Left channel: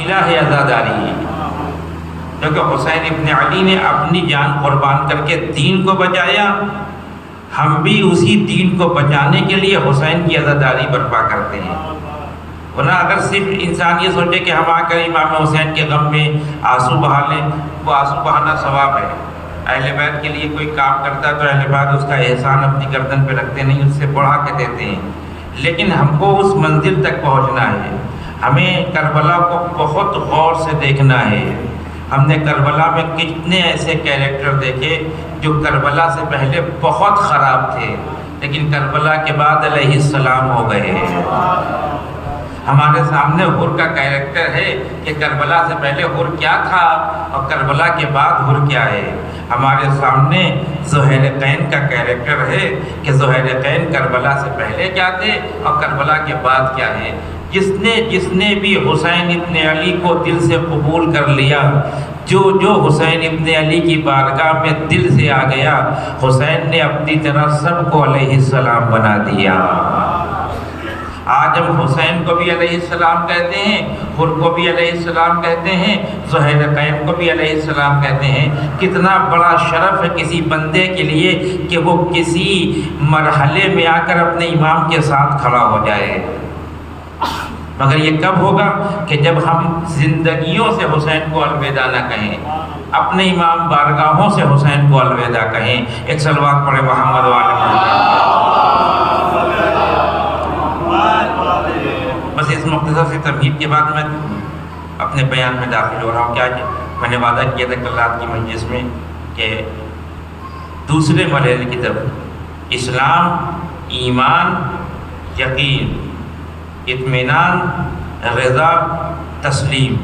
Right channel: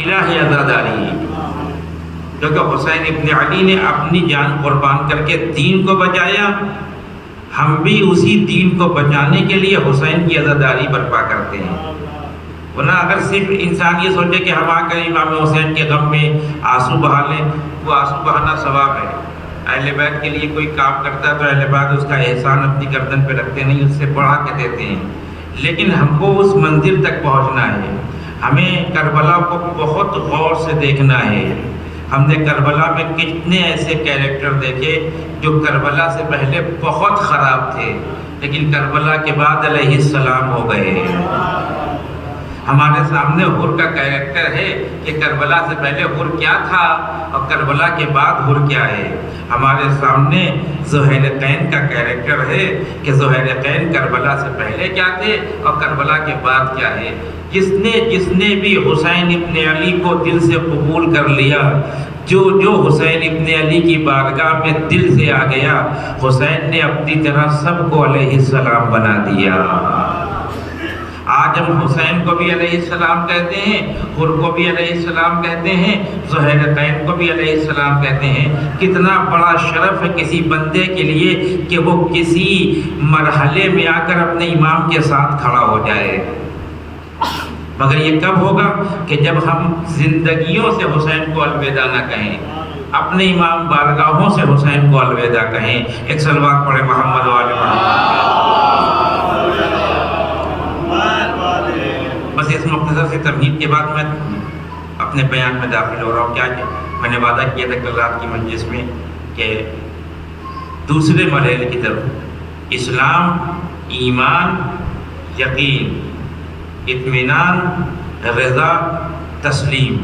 الہ عزاداری، کیونکہ حسین ابن علی نے اپنی جان قربان کر کے دین کو بچایا، ہم بھی اسی دین کو بچانے کے لیے حسین کی عزاداری برپا کرتے ہیں۔ ورنہ اگر صرف انسان یہ سوچے کہ ہم آ کر امام حسین کے غم میں آنسو بہا لیں، وہ آنسو بہانا ثواب ہے۔ اہل بیت کے لیے کوئی کام کرتا ہے تو اہل بیت اس کا احسان اپنی گردن پہ رکھتے نہیں، اس سے بڑھا کے دیتے ہیں، لیکن ہم کو اس منزل تک پہنچنا ہے۔ ہمیں کربلا کو بہت غور سے دیکھنا ہے۔ ہم نے کربلا میں کتنے ایسے کیریکٹر دیکھے جو کربلا سے پہلے بہت خراب تھے، لیکن کربلا کے بعد علیہ السلام ہو گئے ہیں۔ ہمارے سامنے حر کا کیریکٹر ہے کہ کربلا سے پہلے حر کیا تھا اور کربلا کے بعد حر کیا ہے۔ ہمارے سامنے ذوالحرقین کا کیریکٹر ہے کہ ذوالحرقین کربلا سے پہلے کیا تھے اور کربلا کے بعد کیا ہے۔ جس نے بھی حسین ابن علی کو دل سے قبول کر لیا، جو حسین ابن علی کی بارگاہ میں دل سے آ گیا، حسین نے اپنی طرح سب کو علیہ السلام بنا دیا۔ آج ہم حسین کو بھی علیہ السلام کہتے ہیں، حر کو بھی علیہ السلام کہتے ہیں، ذوالحرقین کو بھی علیہ السلام کہتے ہیں۔ کتنا بڑا شرف ہے کسی بندے کے لیے کہ وہ کسی مرحلے میں آ کر اپنے امام کے ساتھ کھڑا ہو جائے، مگر یہ کب ہوگا کہ جب ہم زندگیوں سے حسین کو الوداع نہ کہیں، اپنے امام بارگاہوں سے حسین کو الوداع کہیں۔ ایک صلوات پڑھے محمد وآل محمد۔ بس اس مختصر سے تمہید کے بعد میں اپنے بیان میں داخل ہو رہا ہوں۔ کیا میں نے وعدہ کیا تھا کل رات کی مجلس میں کہ دوسرے مرحلے کی طرف اسلام، ایمان، یقین، اطمینان، رضا، تسلیم،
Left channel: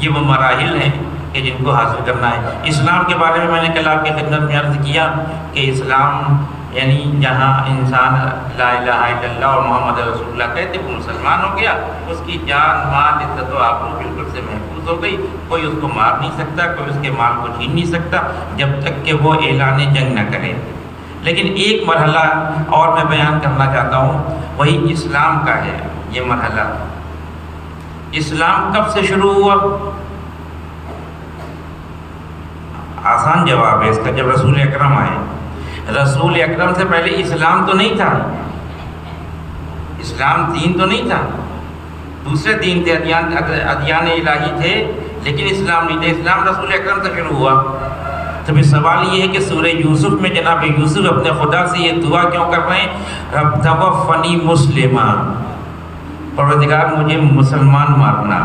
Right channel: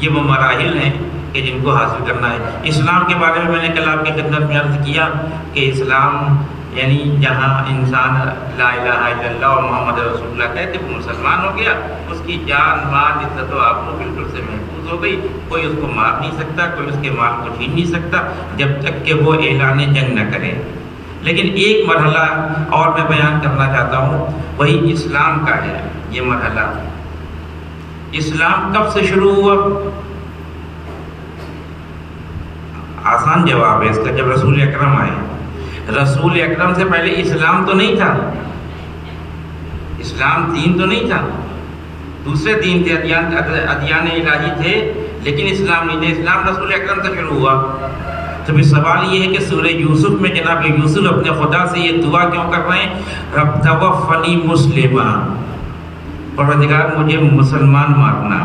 یہ وہ مراحل ہیں کہ جن کو حاصل کرنا ہے۔ اسلام کے بارے میں نے کل آپ کی خدمت میں عرض کیا کہ اسلام یعنی جہاں انسان لا الہ الا اللہ اور محمد رسول اللہ کہتے وہ مسلمان ہو گیا، اس کی جان، مال، عزت و آبرو بالکل سے محفوظ ہو گئی، کوئی اس کو مار نہیں سکتا، کوئی اس کے مال کو چھین نہیں سکتا جب تک کہ وہ اعلان جنگ نہ کرے۔ لیکن ایک مرحلہ اور میں بیان کرنا چاہتا ہوں، وہی اسلام کا ہے۔ یہ مرحلہ اسلام کب سے شروع ہوا؟ آسان جواب ہے اس کا، جب رسول اکرم آئے۔ رسول اکرم سے پہلے اسلام تو نہیں تھا، اسلام دین تو نہیں تھا، دوسرے دین تھے، ادیان الہی تھے، لیکن اسلام نہیں تھا۔ اسلام رسول اکرم سے شروع ہوا۔ تو پھر سوال یہ ہے کہ سورہ یوسف میں جناب یوسف اپنے خدا سے یہ دعا کیوں کر رہے ہیں؟ رب توفنی مسلما، پروردگار مجھے مسلمان مارنا۔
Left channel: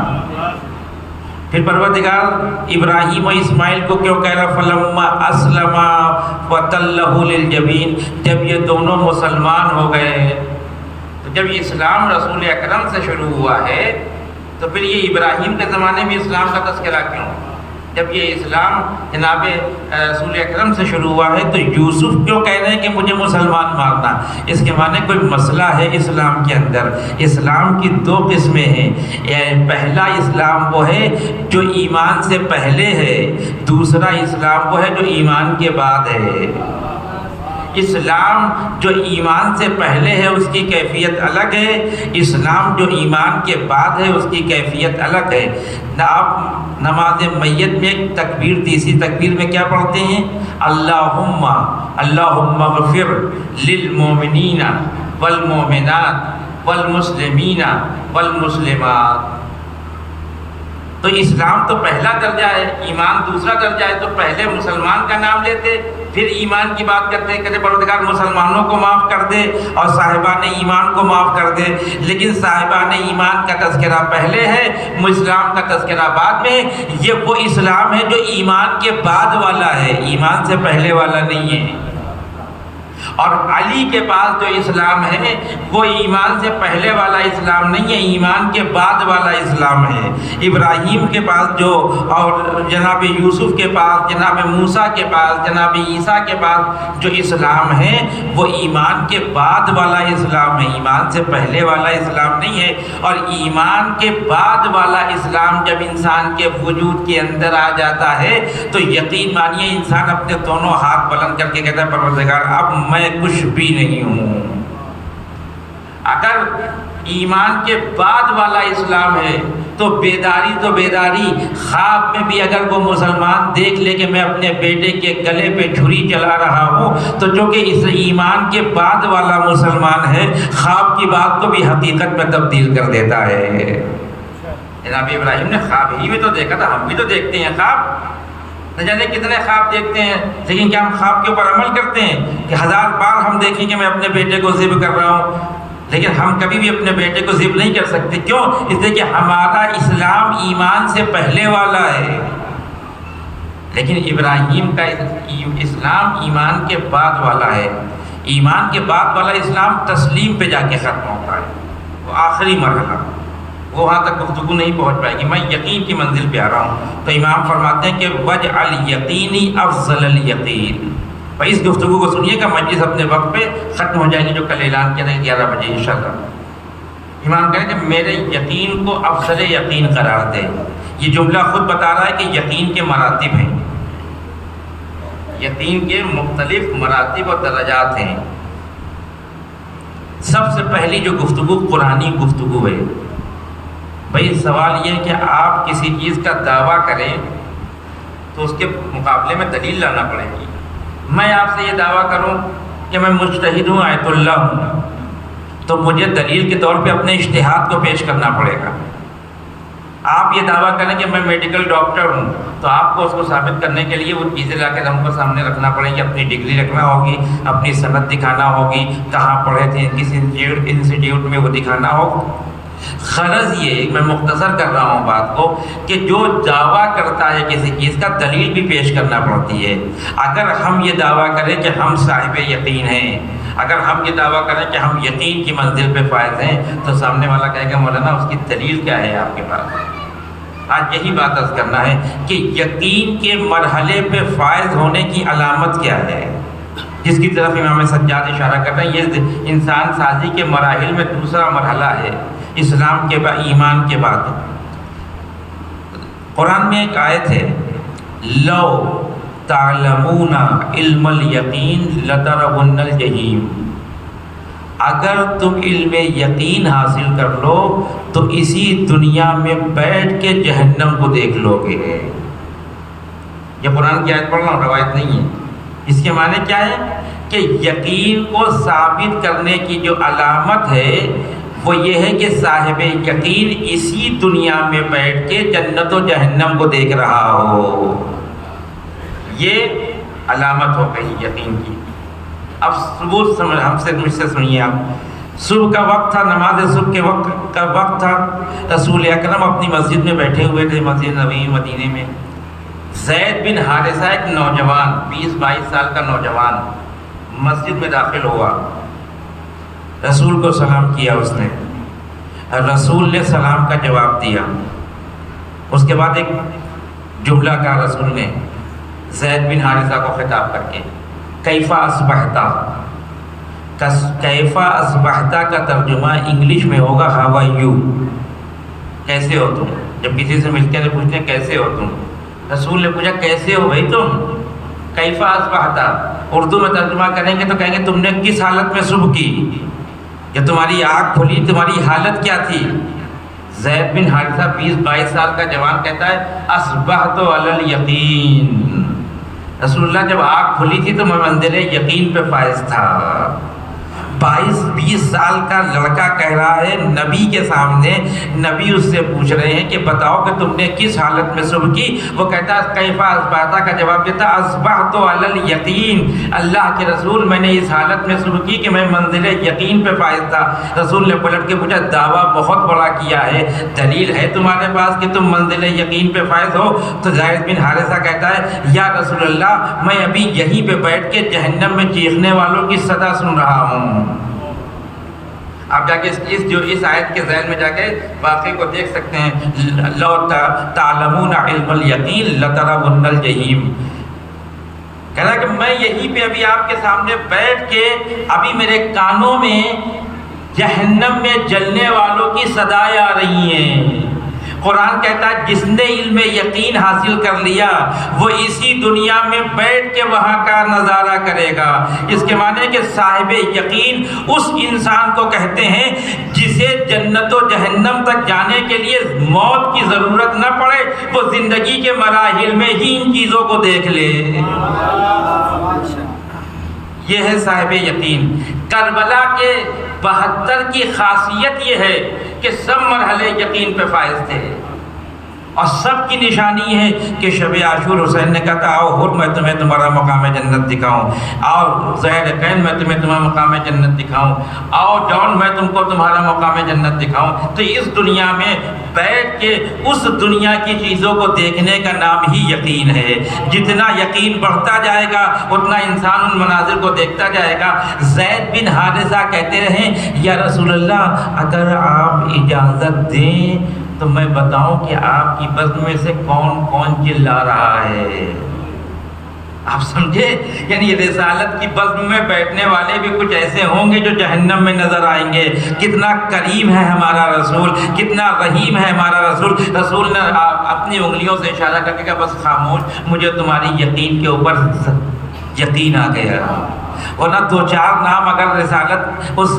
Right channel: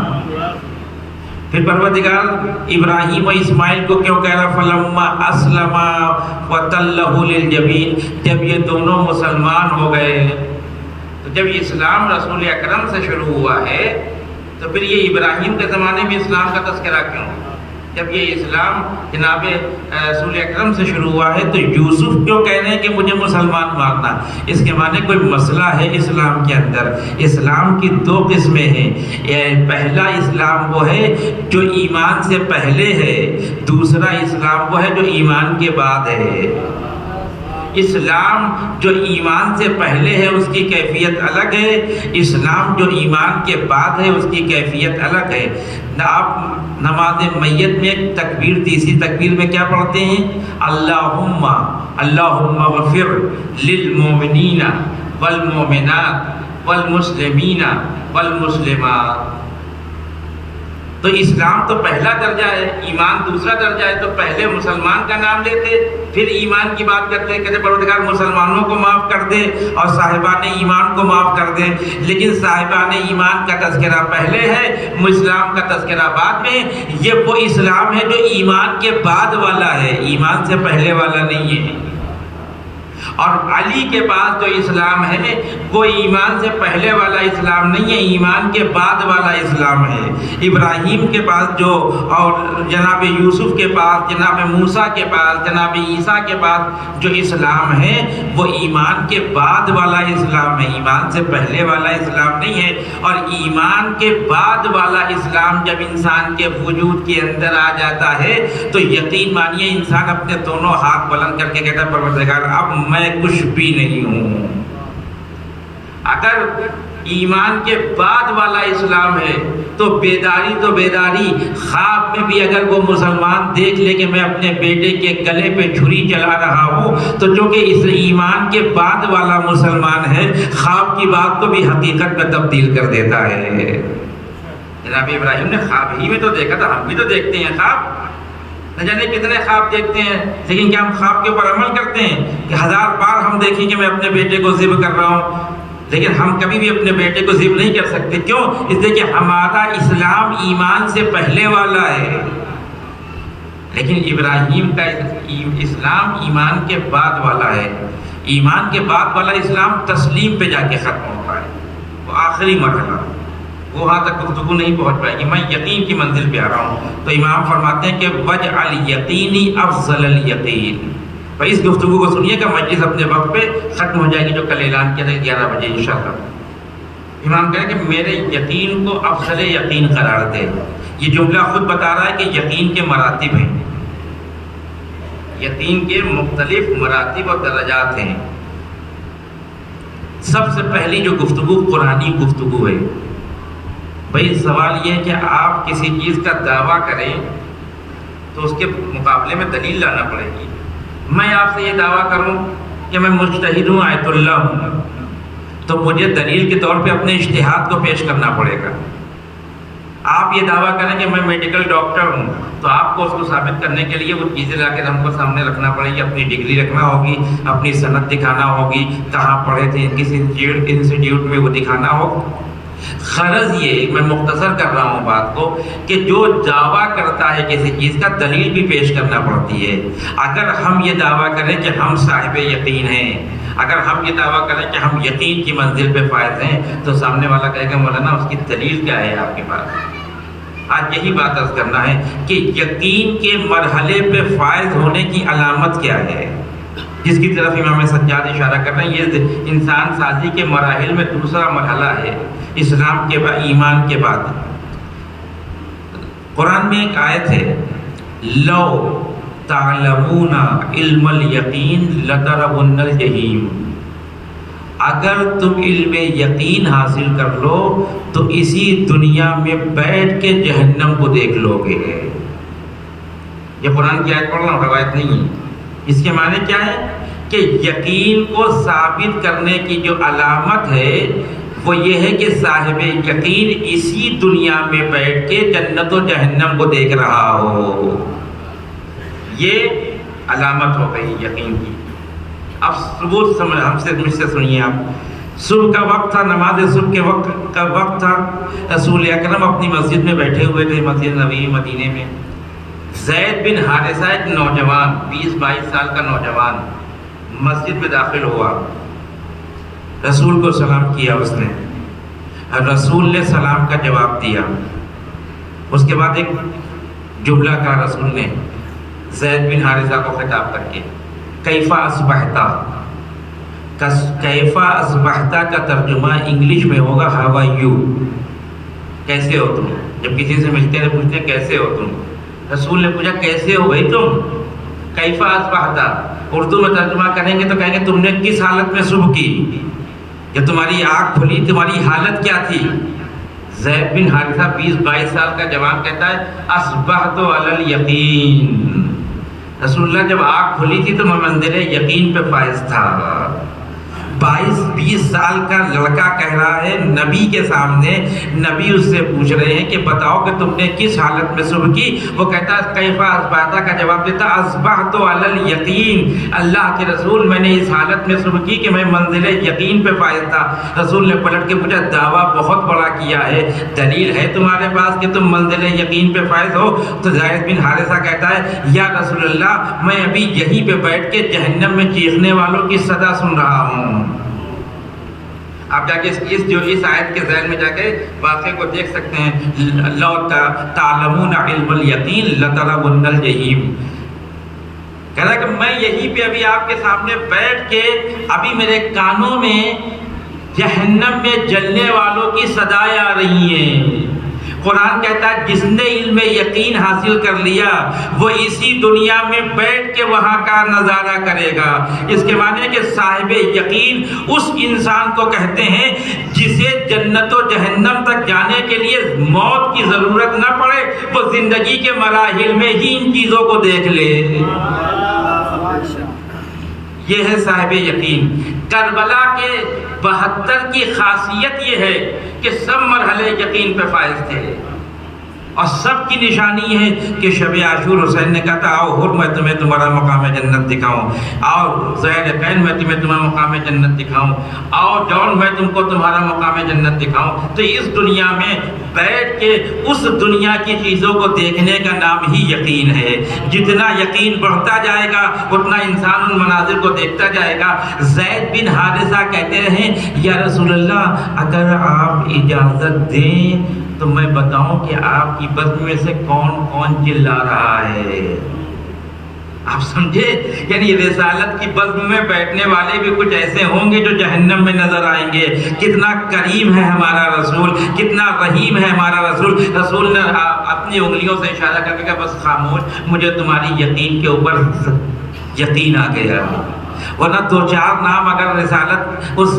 پھر پروردگار ابراہیم و اسماعیل کو کیوں کہہ رہا فلما اسلما وتلہ للجبین، جب یہ دونوں مسلمان ہو گئے۔ تو جب اسلام رسول اکرم سے شروع ہوا ہے تو پھر یہ ابراہیم کے زمانے میں اسلام کا تذکرہ کیوں؟ جب یہ اسلام جناب رسول اکرم سے شروع ہوا ہے تو یوسف کیوں کہہ رہے ہیں کہ مجھے مسلمان مارنا؟ اس کے معنی کوئی مسئلہ ہے اسلام کے اندر۔ اسلام کی دو قسمیں ہیں، پہلا اسلام وہ ہے جو ایمان سے پہلے ہے، دوسرا اسلام وہ ہے جو ایمان کے بعد ہے۔ اسلام جو ایمان سے پہلے ہے اس کی کیفیت الگ ہے، اسلام جو ایمان کے بعد ہے اس کی کیفیت الگ ہے۔ آپ نماز میت میں ایک تکبیر، تیسری تکبیر میں کیا پڑھتے ہیں؟ اللہم اغفر للمؤمنین والمؤمنات والمسلمین والمسلمات۔ تو اسلام تو پہلا درجہ ہے، ایمان دوسرا درجہ ہے۔ تو پہلے مسلمان کا نام لیتے، پھر ایمان کی بات کرتے، کہتے پروردگار مسلمانوں کو معاف کر دے اور صاحبان ایمان کو معاف کر دے۔ لیکن صاحبان ایمان کا تذکرہ پہلے ہے، اسلام کا تذکرہ بعد میں۔ یہ وہ اسلام ہے جو ایمان کے بعد والا ہے، ایمان سے پہلے والا نہیں ہے۔ اور علی کے پاس جو اسلام ہے وہ ایمان سے پہلے والا اسلام نہیں ہے، ایمان کے بعد والا اسلام ہے۔ ابراہیم کے پاس جو، اور جناب یوسف کے پاس، جناب موسیٰ کے پاس، جناب عیسیٰ کے پاس جو اسلام ہے وہ ایمان کے بعد والا اسلام ہے، ایمان سے پہلے والا اسلام نہیں ہے۔ اور ایمان کے بعد والا اسلام جب انسان کے وجود کے اندر آ جاتا ہے تو یقین مانیے انسان اپنے دونوں ہاتھ بلند کر کے کہتا ہے پروردگار اب میں کچھ بھی نہیں ہوں۔ اگر ایمان کے بعد والا اسلام ہے، تو بیداری خواب میں بھی اگر وہ مسلمان دیکھ لے کہ میں اپنے بیٹے کے گلے پہ چھری چلا رہا ہوں، تو جو کہ اس ایمان کے بعد والا مسلمان ہے، خواب کی بات کو بھی حقیقت میں تبدیل کر دیتا ہے۔ جناب ابراہیم نے خواب ہی میں تو دیکھا تھا، ہم بھی تو دیکھتے ہیں خواب، نہ جانے کتنے خواب دیکھتے ہیں، لیکن کیا ہم خواب کے اوپر عمل کرتے ہیں کہ 1000 بار ہم دیکھیں کہ میں اپنے بیٹے کو ذبح کر رہا ہوں، لیکن ہم کبھی بھی اپنے بیٹے کو ذبح نہیں کر سکتے۔ کیوں؟ اس لیے کہ ہمارا اسلام ایمان سے پہلے والا ہے، لیکن ابراہیم کا اسلام ایمان کے بعد والا ہے۔ ایمان کے بعد والا اسلام تسلیم پہ جا کے ختم ہوتا ہے، وہ آخری مرحلہ، وہ وہاں تک گفتگو نہیں پہنچ پائے گی، میں یقین کی منزل پہ آ رہا ہوں۔ تو امام فرماتے ہیں کہ وَجْعَلْ یقینی افضل الیقین۔ بھائی اس گفتگو کو سنیے گا، مجلس اپنے وقت پہ ختم ہو جائے گی جو کل اعلان کیا تھا 11 بجے انشاءاللہ۔ امام کہیں کہ میرے یقین کو افضل یقین قرار دے۔ یہ جملہ خود بتا رہا ہے کہ یقین کے مراتب ہیں، یقین کے مختلف مراتب اور درجات ہیں۔ سب سے پہلی جو گفتگو قرآنی گفتگو ہے۔ بھائی سوال یہ ہے کہ آپ کسی چیز کا دعویٰ کریں تو اس کے مقابلے میں دلیل لانا پڑے گی۔ میں آپ سے یہ دعویٰ کروں کہ میں مجتہد ہوں، آیت اللہ ہوں، تو مجھے دلیل کے طور پہ اپنے اجتہاد کو پیش کرنا پڑے گا۔ آپ یہ دعویٰ کریں کہ میں میڈیکل ڈاکٹر ہوں، تو آپ کو اس کو ثابت کرنے کے لیے وہ چیزیں لا کے ہم کو سامنے رکھنا پڑے گی، اپنی ڈگری رکھنا ہوگی، اپنی سند دکھانا ہوگی، کہاں پڑھے تھے، کس انسٹیٹیوٹ میں وہ دکھانا ہوگا۔ غرض یہ، میں مختصر کر رہا ہوں بات کو، کہ جو دعویٰ کرتا ہے کسی چیز کا دلیل بھی پیش کرنا پڑتی ہے۔ اگر ہم یہ دعویٰ کریں کہ ہم صاحب یقین ہیں، اگر ہم یہ دعویٰ کریں کہ ہم یقین کی منزل پہ فائز ہیں، تو سامنے والا کہے گا مولانا اس کی دلیل کیا ہے آپ کے پاس؟ آج یہی بات عرض کرنا ہے کہ یقین کے مرحلے پہ فائز ہونے کی علامت کیا ہے، جس کی طرف امام سجاد اشارہ کر رہے ہیں۔ یہ انسان سازی کے مراحل میں دوسرا مرحلہ ہے، اسلام کے بعد، ایمان کے بعد۔ قرآن میں ایک آیت ہے، لو تعلمون علم الیقین لترون الجحیم۔ اگر تم علم یقین حاصل کر لو تو اسی دنیا میں بیٹھ کے جہنم کو دیکھ لو گے۔ یہ قرآن کی آیت پڑھ رہا ہوں، روایت نہیں ہے۔ اس کے معنی کیا ہے کہ یقین کو ثابت کرنے کی جو علامت ہے وہ یہ ہے کہ صاحب یقین اسی دنیا میں بیٹھ کے جنت و جہنم کو دیکھ رہا ہو، یہ علامت ہو گئی یقین کی۔ اب صبح مجھ سے سنیے آپ، صبح کا وقت تھا، نماز صبح کے وقت کا وقت تھا، رسول اکرم اپنی مسجد میں بیٹھے ہوئے تھے، مسجد نبوی مدینے میں۔ زید بن حارثہ ایک نوجوان، 20-22 سال کا نوجوان مسجد میں داخل ہوا، رسول کو سلام کیا اس نے، رسول نے سلام کا جواب دیا۔ اس کے بعد ایک جملہ کہا رسول نے زید بن حارثہ کو خطاب کر کے، کیفا اصبحتا۔ کیفا اصبحتا کا ترجمہ انگلش میں ہوگا ہاؤ آر یو، کیسے ہو تم۔ جب کسی سے ملتے ہیں پوچھتے ہیں کیسے ہو تم، رسول نے پوچھا کیسے ہو بھائی تم، کیفا اصبحتا۔ اردو میں ترجمہ کریں گے تو کہیں گے تم نے کس حالت میں صبح کی، جب تمہاری آنکھ کھلی تمہاری حالت کیا تھی۔ زید بن حارثہ 20-22 سال کا جوان کہتا ہے اصبحت علی الیقین، رسول اللہ جب آنکھ کھلی تھی تو میں منزل یقین پہ فائز تھا۔ 22-20 سال کا لڑکا کہہ رہا ہے نبی کے سامنے، نبی اس سے پوچھ رہے ہیں کہ بتاؤ کہ تم نے کس حالت میں صبح کی۔ وہ کہتا ہے کیفا اصبحتا کا جواب دیتا اصبحت علی الیقین، اللہ کے رسول میں نے اس حالت میں صبح کی کہ میں منزل یقین پہ فائز تھا۔ رسول نے پلٹ کے پوچھا دعویٰ بہت بڑا کیا ہے، دلیل ہے تمہارے پاس کہ تم منزل یقین پہ فائز ہو؟ تو زید بن حارثہ کہتا ہے یا رسول اللہ میں ابھی یہیں پہ بیٹھ کے جہنم میں چیخنے والوں کی صدا سن رہا ہوں۔ آپ جا کے اس آیت کے ذیل میں جا کے واقعے کو دیکھ سکتے ہیں، لو تعلمون علم الیقین لترون الجحیم۔ کہہ رہا کہ میں یہیں پہ ابھی آپ کے سامنے بیٹھ کے ابھی میرے کانوں میں جہنم میں جلنے والوں کی صدائیں آ رہی ہیں، قرآن کہتا ہے جس نے علم یقین حاصل کر لیا وہ اسی دنیا میں بیٹھ کے وہاں کا نظارہ کرے گا۔ اس کے معنی ہے کہ صاحب یقین اس انسان کو کہتے ہیں جسے جنت و جہنم تک جانے کے لیے موت کی ضرورت نہ پڑے، وہ زندگی کے مراحل میں ہی ان چیزوں کو دیکھ لے۔ یہ ہے صاحب یقین۔ کربلا کے 72 کی خاصیت یہ ہے کہ سب مرحلے یقین پہ فائز تھے، اور سب کی نشانی ہے کہ شب عاشور حسین نے کہا تھا آؤ ہر میں تمہیں تمہارا مقام جنت دکھاؤں، آؤ زید میں تمہیں تمہارا مقام جنت دکھاؤں، آؤ جون میں تم کو تمہارا مقام جنت دکھاؤں۔ تو اس دنیا میں بیٹھ کے اس دنیا کی چیزوں کو دیکھنے کا نام ہی یقین ہے۔ جتنا یقین بڑھتا جائے گا اتنا انسان ان مناظر کو دیکھتا جائے گا۔ زید بن حارثہ کہتے رہے یا رسول اللہ اگر آپ اجازت دیں تو میں بتاؤں کہ آپ کی بزم میں سے کون کون چلا رہا ہے۔ آپ سمجھے، یعنی رسالت کی بزم میں بیٹھنے والے بھی کچھ ایسے ہوں گے جو جہنم میں نظر آئیں گے۔ کتنا کریم ہے ہمارا رسول، کتنا رحیم ہے ہمارا رسول۔ رسول نے اپنی انگلیوں سے اشارہ کر کے کہا بس خاموش، مجھے تمہاری یقین کے اوپر یقین آ گیا، ورنہ 2-4 نام اگر رسالت اس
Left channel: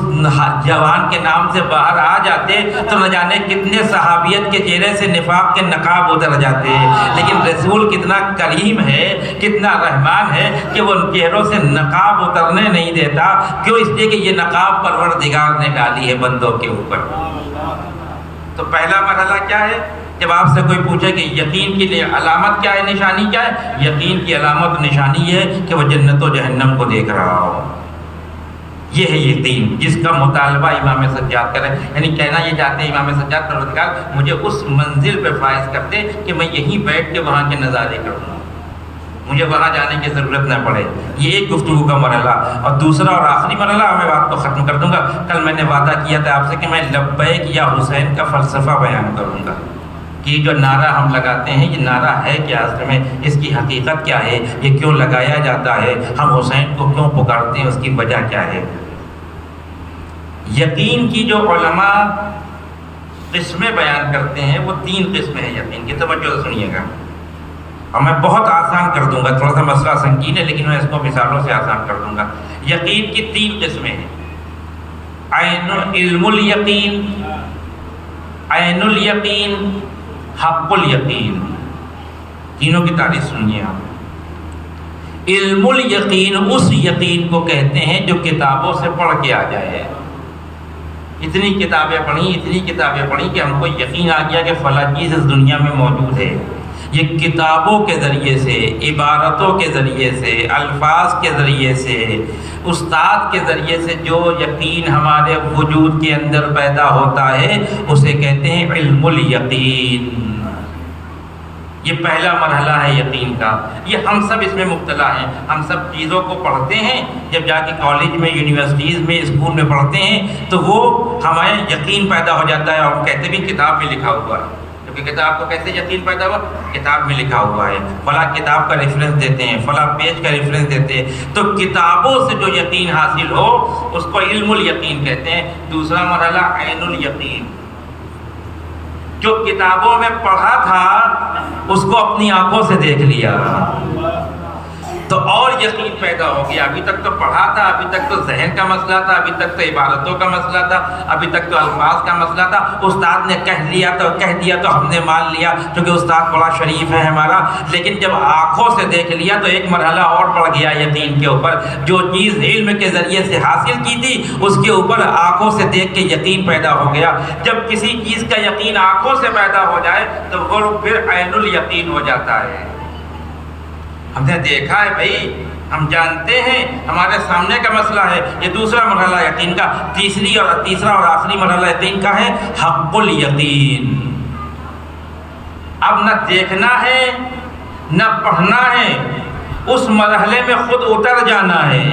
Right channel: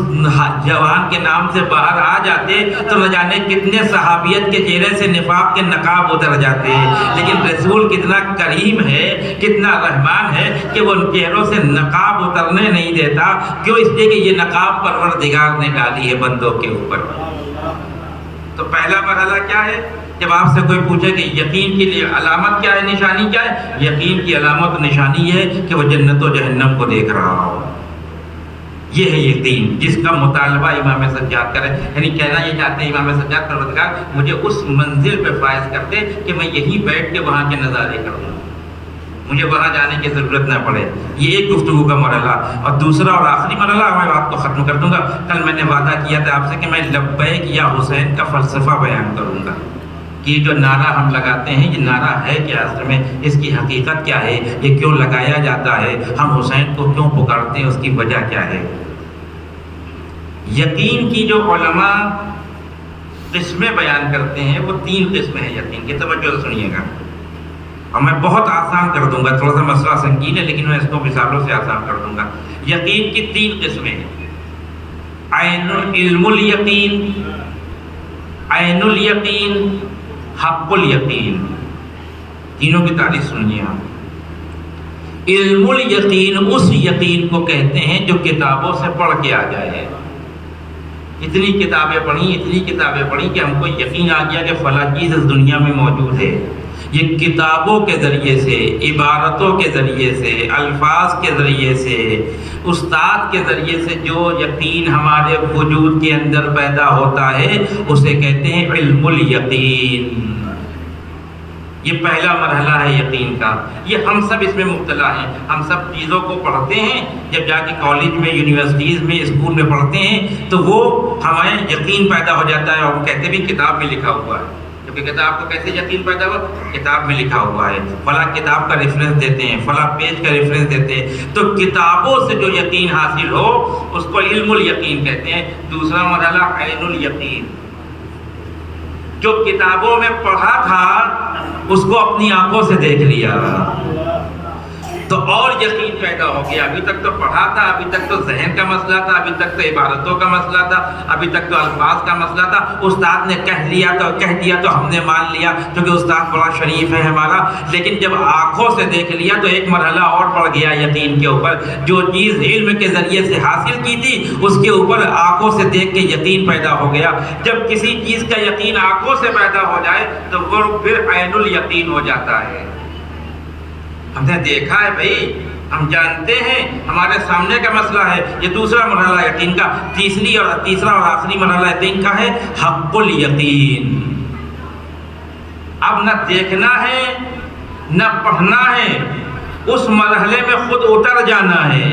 جوان کے نام سے باہر آ جاتے تو نہ جانے کتنے صحابیت کے چہرے سے نفاق کے نقاب اتر جاتے ہیں۔ لیکن رسول کتنا کریم ہے، کتنا رحمان ہے کہ وہ ان چہروں سے نقاب اترنے نہیں دیتا۔ کیوں؟ اس لیے کہ یہ نقاب پروردگار نے ڈالی ہے بندوں کے اوپر۔ تو پہلا مرحلہ کیا ہے؟ جب آپ سے کوئی پوچھے کہ یقین کی علامت کیا ہے، نشانی کیا ہے، یقین کی علامت نشانی یہ ہے کہ وہ جنت و جہنم کو دیکھ رہا ہو۔ یہ ہے یقین جس کا مطالبہ امام سجاد کرے، یعنی کہنا یہ چاہتے ہیں امام سجاد پروردگار مجھے اس منزل پہ فائز کر دے کہ میں یہیں بیٹھ کے وہاں کے نظارے کروں، مجھے وہاں جانے کی ضرورت نہ پڑے۔ یہ ایک گفتگو کا مرحلہ۔ اور دوسرا اور آخری مرحلہ میں بات کو ختم کر دوں گا۔ کل میں نے وعدہ کیا تھا آپ سے کہ میں لبیک یا حسین کا فلسفہ بیان کروں گا کہ جو نعرہ ہم لگاتے ہیں یہ نعرہ ہے کیا، اصل میں اس کی حقیقت کیا ہے، یہ کیوں لگایا جاتا ہے، ہم حسین کو کیوں پکارتے ہیں، اس کی وجہ کیا ہے۔ یقین کی جو علماء قسمیں بیان کرتے ہیں وہ 3 قسمیں ہیں یقین کی، توجہ سے سنیے گا، اور میں بہت آسان کر دوں گا، تھوڑا سا مسئلہ سنگین ہے لیکن میں اس کو مثالوں سے آسان کر دوں گا۔ یقین کی 3 قسمیں ہیں، علم الیقین، عین الیقین، حق الیقین۔ تینوں کی تعریف سنیے آپ۔ علم الیقین اس یقین کو کہتے ہیں جو کتابوں سے پڑھ کے آ جائے۔ اتنی کتابیں پڑھی کہ ہم کو یقین آ گیا کہ فلاں چیز اس دنیا میں موجود ہے۔ یہ کتابوں کے ذریعے سے، عبارتوں کے ذریعے سے، الفاظ کے ذریعے سے، استاد کے ذریعے سے جو یقین ہمارے وجود کے اندر پیدا ہوتا ہے اسے کہتے ہیں علم الیقین۔ یہ پہلا مرحلہ ہے یقین کا۔ یہ ہم سب اس میں مبتلا ہیں، ہم سب چیزوں کو پڑھتے ہیں، جب جا کے کالج میں، یونیورسٹیز میں، اسکول میں پڑھتے ہیں تو وہ ہمیں یقین پیدا ہو جاتا ہے، اور ہم کہتے بھی کتاب میں لکھا ہوا ہے، کیونکہ کتاب کو کیسے یقین پیدا ہوا، کتاب میں لکھا ہوا ہے، فلاں کتاب کا ریفرنس دیتے ہیں، فلاں پیج کا ریفرنس دیتے ہیں۔ تو کتابوں سے جو یقین حاصل ہو اس کو علم الیقین کہتے ہیں۔ دوسرا مرحلہ عین الیقین، جو کتابوں میں پڑھا تھا اس کو اپنی آنکھوں سے دیکھ لیا تو اور یقین پیدا ہو گیا۔ ابھی تک تو پڑھا تھا، ابھی تک تو ذہن کا مسئلہ تھا، ابھی تک تو عبارتوں کا مسئلہ تھا، ابھی تک تو الفاظ کا مسئلہ تھا، استاد نے کہہ دیا تو ہم نے مان لیا کیونکہ استاد بڑا شریف ہے ہمارا۔ لیکن جب آنکھوں سے دیکھ لیا تو ایک مرحلہ اور بڑھ گیا یقین کے اوپر۔ جو چیز علم کے ذریعے سے حاصل کی تھی اس کے اوپر آنکھوں سے دیکھ کے یقین پیدا ہو گیا۔ جب کسی چیز کا یقین آنکھوں سے پیدا ہو جائے تو وہ پھر عین الیقین ہو جاتا ہے۔ ہم نے دیکھا ہے بھائی، ہم جانتے ہیں، ہمارے سامنے کا مسئلہ ہے۔ یہ دوسرا مرحلہ یقین کا۔ تیسرا اور آخری مرحلہ یقین کا ہے حق الیقین۔ اب نہ دیکھنا ہے نہ پڑھنا ہے، اس مرحلے میں خود اتر جانا ہے۔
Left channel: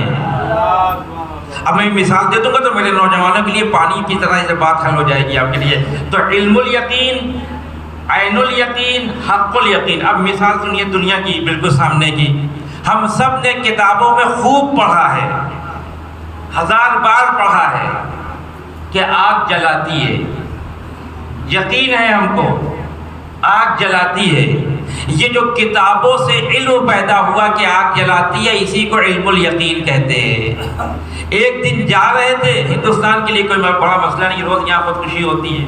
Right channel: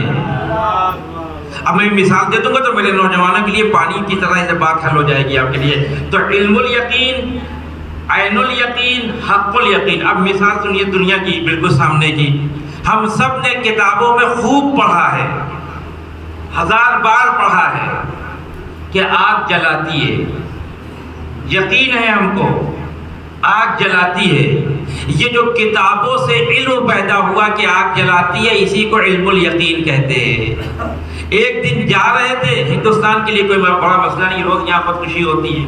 اب میں مثال دے دوں گا تو میرے نوجوانوں کے لیے پانی کی طرح یہ بات حل ہو جائے گی آپ کے لیے۔ تو علم الیقین، عین الیقین، حق الیقین۔ اب مثال سنیے دنیا کی بالکل سامنے کی۔ ہم سب نے کتابوں میں خوب پڑھا ہے، 1000 بار پڑھا ہے کہ آگ جلاتی ہے، یقین ہے ہم کو آگ جلاتی ہے. یہ جو کتابوں سے علم پیدا ہوا کہ آگ جلاتی ہے، اسی کو علم الیقین کہتے ہیں. ایک دن جا رہے تھے، ہندوستان کے لیے کوئی بڑا مسئلہ نہیں، روز یہاں خودکشی ہوتی ہے.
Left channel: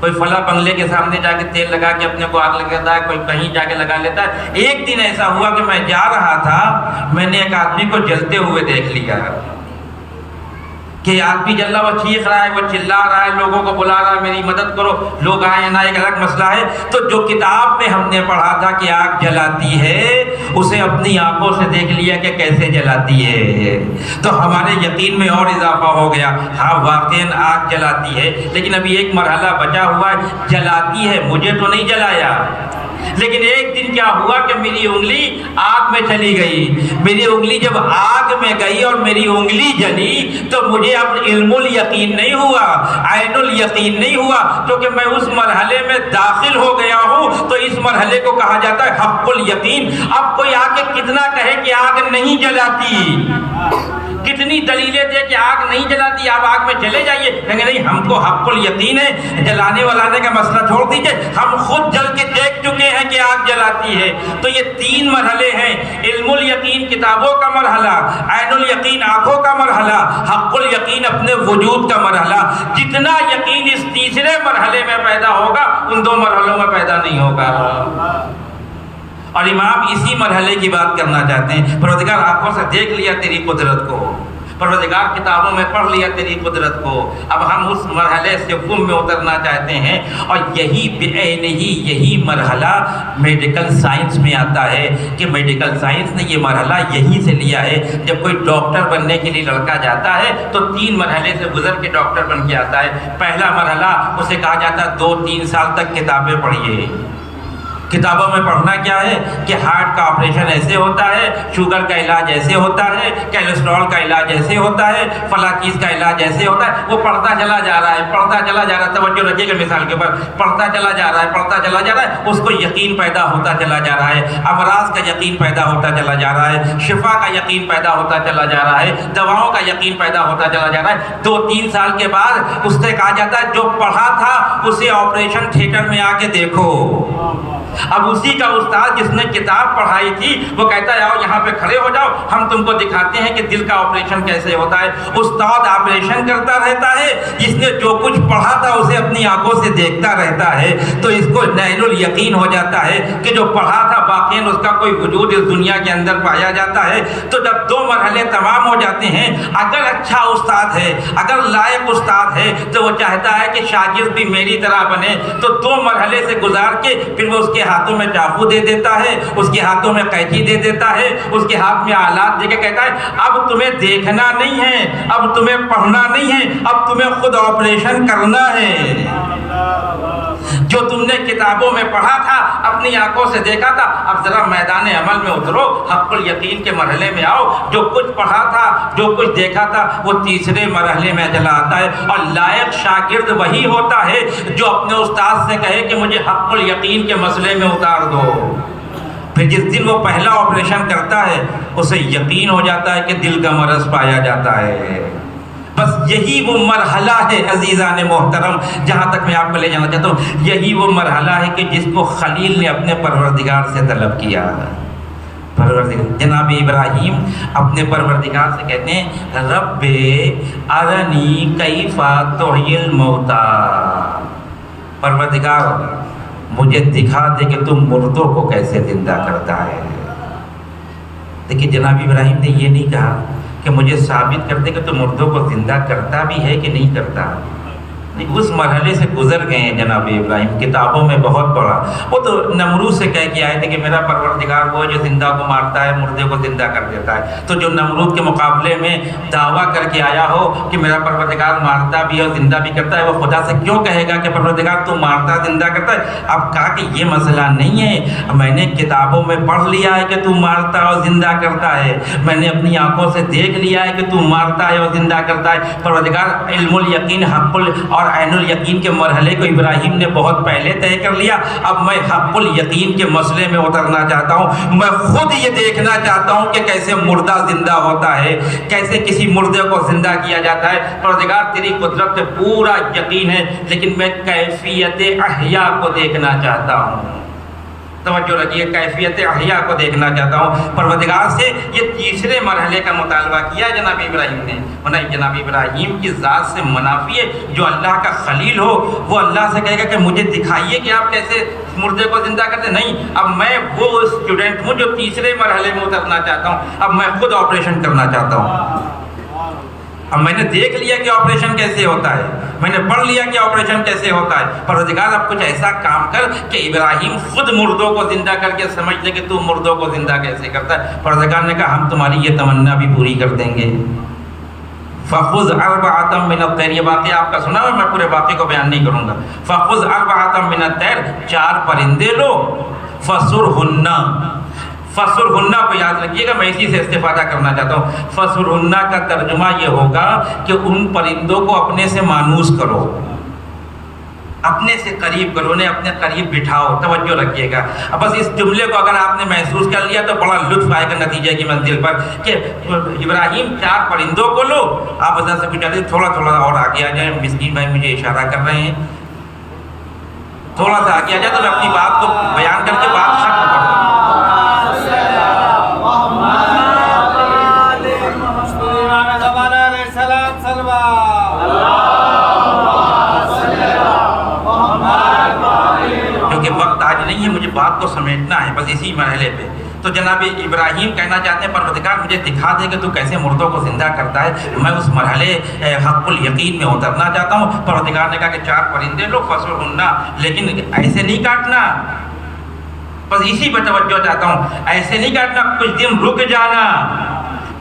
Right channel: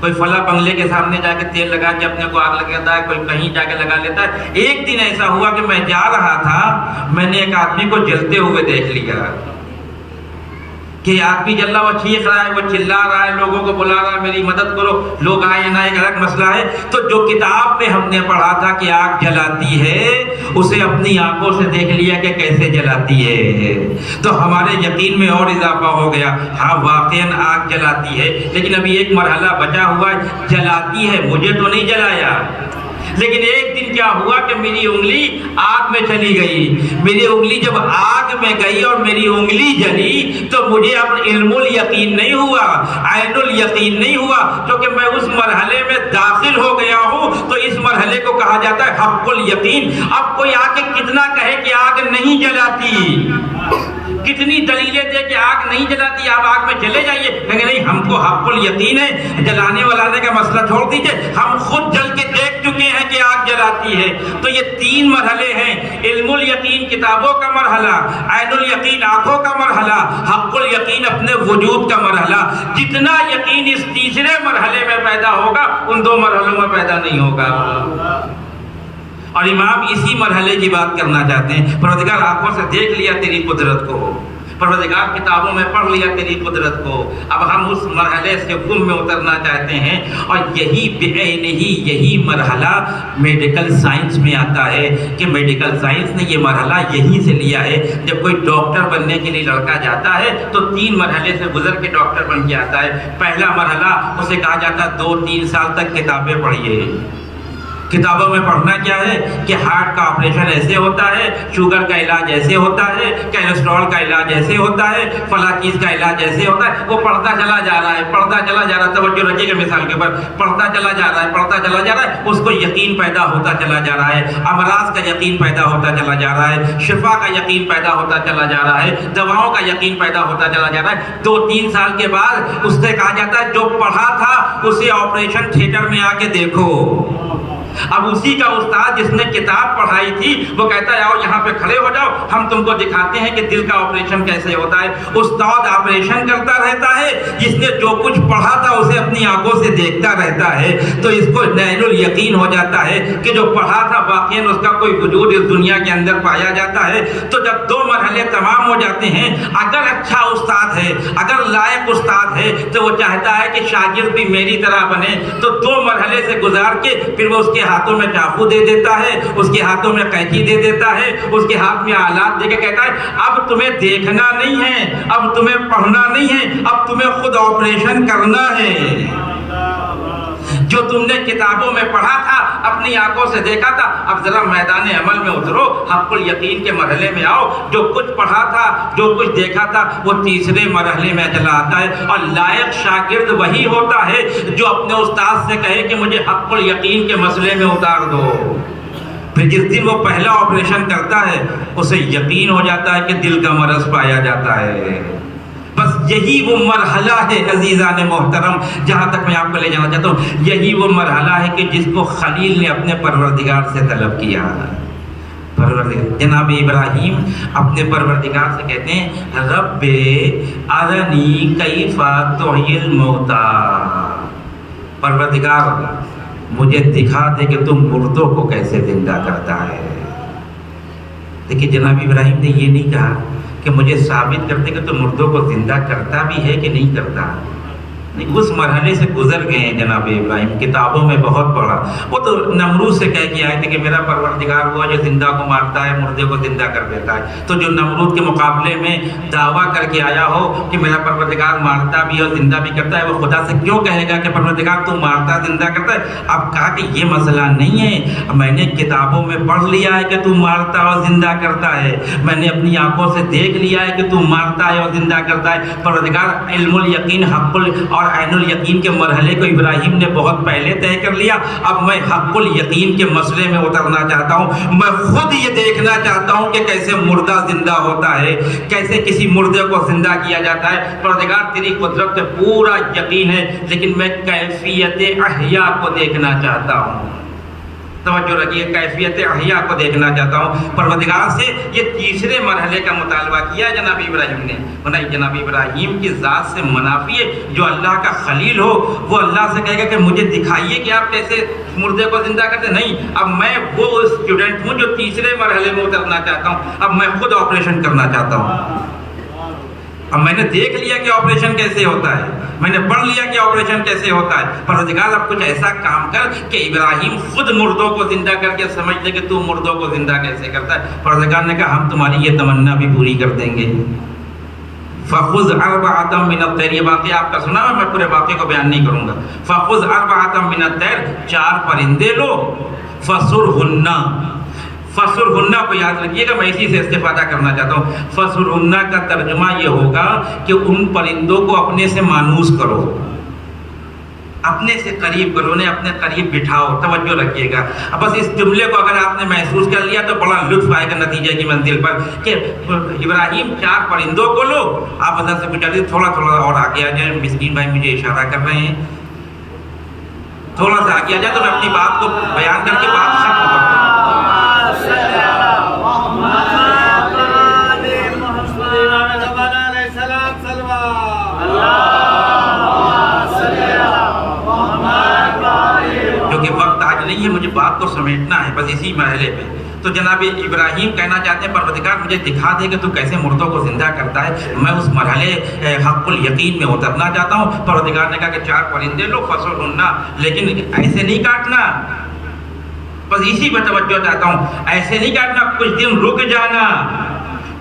کوئی فلاں بنگلے کے سامنے جا کے تیل لگا کے اپنے کو آگ لگاتا ہے، کوئی کہیں جا کے لگا لیتا ہے. ایک دن ایسا ہوا کہ میں جا رہا تھا، میں نے ایک آدمی کو جلتے ہوئے دیکھ لیا کہ آدمی جل رہا، وہ چیخ رہا ہے، وہ چلا رہا ہے، لوگوں کو بلا رہا ہے میری مدد کرو. لوگ آئے نہ ایک الگ مسئلہ ہے. تو جو کتاب میں ہم نے پڑھا تھا کہ آگ جلاتی ہے، اسے اپنی آنکھوں سے دیکھ لیا کہ کیسے جلاتی ہے، تو ہمارے یقین میں اور اضافہ ہو گیا. ہاں واقعاً آگ جلاتی ہے، لیکن ابھی ایک مرحلہ بچا ہوا ہے. جلاتی ہے، مجھے تو نہیں جلایا، لیکن ایک دن کیا ہوا کہ میری انگلی آگ میں چلی گئی. میری انگلی جب آگ میں گئی اور میری انگلی جلی تو مجھے اب علم الیقین نہیں ہوا، عین الیقین نہیں ہوا، کیونکہ میں اس مرحلے میں داخل ہو گیا ہوں. تو اس مرحلے کو کہا جاتا ہے حق الیقین. اب کوئی آ کے کتنا کہے کہ آگ نہیں جلاتی، کتنی دلیلیں دے کہ آگ نہیں جلاتی، آپ آگ میں چلے جائیے، کہیں نہیں ہم کو حق الیقین ہے. جلانے والانے کا مسئلہ چھوڑ دیجئے، ہم خود جل کے دیکھ چکے ہیں کہ آگ جلاتی ہے. تو یہ تین مرحلے ہیں: علم الیقین کتابوں کا مرحلہ، عین الیقین آنکھوں کا مرحلہ، حق الیقین اپنے وجود کا مرحلہ. جتنا یقین اس تیسرے مرحلے میں پیدا ہوگا، ان دو مرحلوں میں پیدا نہیں ہوگا. اور امام اسی مرحلے کی بات کرنا چاہتے ہیں. پروردگار آنکھوں سے دیکھ لیا تیری قدرت کو، پروردگار کتابوں میں پڑھ لیا تیری قدرت کو، اب ہم اس مرحلے سے گم میں اترنا چاہتے ہیں. اور یہی مرحلہ میڈیکل سائنس میں آتا ہے کہ میڈیکل سائنس نے یہ مرحلہ یہی سے لیا ہے. جب کوئی ڈاکٹر بننے کے لیے لڑکا جاتا ہے تو تین مرحلے سے گزر کے ڈاکٹر بن کے آتا ہے. پہلا مرحلہ اسے کہا جاتا ہے 2-3 سال تک کتابیں پڑھیے. کتابوں میں پڑھنا کیا ہے کہ ہارٹ کا آپریشن ایسے ہوتا ہے، شوگر کا علاج ایسے ہوتا ہے، کیلسٹرول کا علاج ایسے ہوتا ہے، فلاں چیز کا علاج ایسے ہوتا ہے. وہ پڑھتا چلا جا رہا ہے، پڑھتا چلا جا رہا ہے. توجہ رکھیے گا مثال کے اوپر، پڑھتا چلا جا رہا ہے، پڑھتا چلا جا رہا ہے. اس کو یقین پیدا ہوتا چلا جا رہا ہے، امراض کا یقین پیدا ہوتا چلا جا رہا ہے، شفا کا یقین پیدا ہوتا چلا جا رہا ہے، دواؤں کا یقین پیدا ہوتا چلا جا رہا ہے. 2-3 سال کے بعد اس سے کہا جاتا ہے جو پڑھا تھا اسے آپریشن تھیٹر میں آ کے دیکھو. اب اسی کا استاد جس نے کتاب پڑھائی تھی وہ کہتا ہے آؤ یہاں پہ کھڑے ہو جاؤ، ہم تم کو دکھاتے ہیں کہ دل کا آپریشن کیسے ہوتا ہے. استاد آپریشن کرتا رہتا ہے، جس نے جو کچھ پڑھا تھا اسے اپنی آنکھوں سے دیکھتا رہتا ہے. تو اس کو عین الیقین ہو جاتا ہے کہ جو پڑھا تھا واقعاً اس کا کوئی وجود اس دنیا کے اندر پایا جاتا ہے. تو جب 2 مرحلے تمام ہو جاتے ہیں، اگر اچھا استاد ہے، اگر لائق استاد ہے، تو وہ چاہتا ہے کہ شاگرد بھی میری طرح بنے. تو 2 مرحلے سے گزار کے پھر وہ اس کے ہاتھوں میں چاقو دے دیتا ہے، اس کے ہاتھوں میں قینچی دے دیتا ہے، اس کے ہاتھ میں آلات دے کے کہتا ہے اب تمہیں دیکھنا نہیں ہے، اب تمہیں پڑھنا نہیں ہے، اب تمہیں خود آپریشن کرنا ہے. جو تم نے کتابوں میں پڑھا تھا، اپنی آنکھوں سے دیکھا تھا، اب ذرا میدان عمل میں اترو، حق الیقین کے مرحلے میں آؤ. جو کچھ پڑھا تھا، جو کچھ دیکھا تھا، وہ تیسرے مرحلے میں چلا آتا ہے. اور لائق شاگرد وہی ہوتا ہے جو اپنے استاد سے کہے کہ مجھے حق الیقین کے مسئلے میں اتار دو. پھر جس دن وہ پہلا آپریشن کرتا ہے، اسے یقین ہو جاتا ہے کہ دل کا مرض پایا جاتا ہے. بس یہی وہ مرحلہ ہے عزیزان محترم، جہاں تک میں آپ کو لے جانا چاہتا ہوں، یہی وہ مرحلہ ہے کہ جس کو خلیل نے اپنے پروردگار سے طلب کیا. جناب ابراہیم اپنے پروردگار سے کہتے ہیں رب ارنی کیف تحیی الموتی، پروردگار مجھے دکھا دے کہ تم مردوں کو کیسے زندہ کرتا ہے. دیکھیے جناب ابراہیم نے یہ نہیں کہا کہ مجھے ثابت کر دے کہ تو مردوں کو زندہ کرتا بھی ہے کہ نہیں کرتا. اس مرحلے سے گزر گئے ہیں جناب ابراہیم، کتابوں میں بہت پڑھا. وہ تو نمرود سے کہہ کے آئے تھے کہ میرا پروردگار وہ جو زندہ کو مارتا ہے، مردے کو زندہ کر دیتا ہے. تو جو نمرود کے مقابلے میں دعویٰ کر کے آیا ہو کہ میرا پروردگار مارتا بھی اور زندہ بھی کرتا ہے، وہ خدا سے کیوں کہے گا کہ پروردگار تو مارتا زندہ کرتا ہے؟ اب کہا کہ یہ مسئلہ نہیں ہے، میں نے کتابوں میں پڑھ لیا ہے کہ تو مارتا اور زندہ کرتا ہے، میں نے اپنی آنکھوں سے دیکھ لیا ہے کہ تو مارتا ہے اور زندہ کرتا ہے. پروردگار علم الیقین حق اور عین الیقین کے مرحلے کو ابراہیم نے بہت پہلے طے کر لیا. اب میں حق الیقین کے مسئلے میں اترنا چاہتا ہوں. میں خود یہ دیکھنا چاہتا ہوں کہ کیسے مردہ زندہ ہوتا ہے, کیسے کسی مردے کو زندہ کیا جاتا ہے. پروردگار تیری قدرت پہ پورا یقین ہے, لیکن میں کیفیت احیاء کو دیکھنا چاہتا ہوں. توجہ رکھیے, کیفیت احیاء کو دیکھنا چاہتا ہوں. پروردگار سے یہ تیسرے مرحلے کا مطالبہ کیا جناب ابراہیم نے. جناب ابراہیم کی ذات سے منافی ہے. جو اللہ کا خلیل ہو وہ اللہ سے کہے گا کہ مجھے دکھائیے کہ آپ کیسے مردے کو زندہ کرتے. نہیں, اب میں وہ اسٹوڈنٹ ہوں جو تیسرے مرحلے میں اترنا چاہتا ہوں. اب میں خود آپریشن کرنا چاہتا ہوں. اب میں نے دیکھ لیا کہ آپریشن کیسے ہوتا ہے, میں نے پڑھ لیا کہ آپریشن کیسے ہوتا ہے. پروردگار اب کچھ ایسا کام کر کہ ابراہیم خود مردوں کو زندہ کر کے سمجھ لے کہ تو مردوں کو زندہ کیسے کرتا ہے. پروردگار نے کہا ہم تمہاری یہ تمنا بھی پوری کر دیں گے. فَخُذْ أَرْبَعَةً مِّنَ الطَّيْرِ, یہ واقعہ آپ کا سنا ہے, میں پورے واقعے کو بیان نہیں کروں گا. فَخُذْ أَرْبَعَةً مِّنَ الطَّيْرِ, 4 پرندے لو. فَصُرْهُنَّ, فَصُرْهُنَّ کو یاد رکھیے گا, میں اسی سے استفادہ کرنا چاہتا ہوں. فَصُرْهُنَّ کا ترجمہ یہ ہوگا کہ ان پرندوں کو اپنے سے مانوس کرو, اپنے سے قریب کرو, انہیں اپنے قریب بٹھاؤ. توجہ رکھیے گا. اب بس اس جملے کو اگر آپ نے محسوس کر لیا تو بڑا لطف آئے گا نتیجے کی منزل پر کہ ابراہیم 4 پرندوں کو لو. آپ ادھر سے بچا دیں, تھوڑا تھوڑا اور آگے آ جائیں. مسکین بھائی مجھے اشارہ کر رہے ہیں, تھوڑا سا آگے آ جائے تو میں اپنی بات کو بیان کر کے بات ختم کر دوں. کیونکہ وقت آج نہیں ہے, مجھے بات کو سمیٹنا ہے بس اسی مرحلے پہ. تو جناب ابراہیم کہنا چاہتے ہیں پروردگار مجھے دکھا دے کہ تو کیسے مردوں کو زندہ کرتا ہے, میں اس مرحلے حق الیقین میں اترنا چاہتا ہوں. پروردگار نے کہا کہ 4 پرندے لو. فَصُرْهُنَّ, لیکن ایسے نہیں کاٹنا, بس اسی پہ توجہ چاہتا ہوں. ایسے نہیں کاٹنا, کچھ دن رک جانا.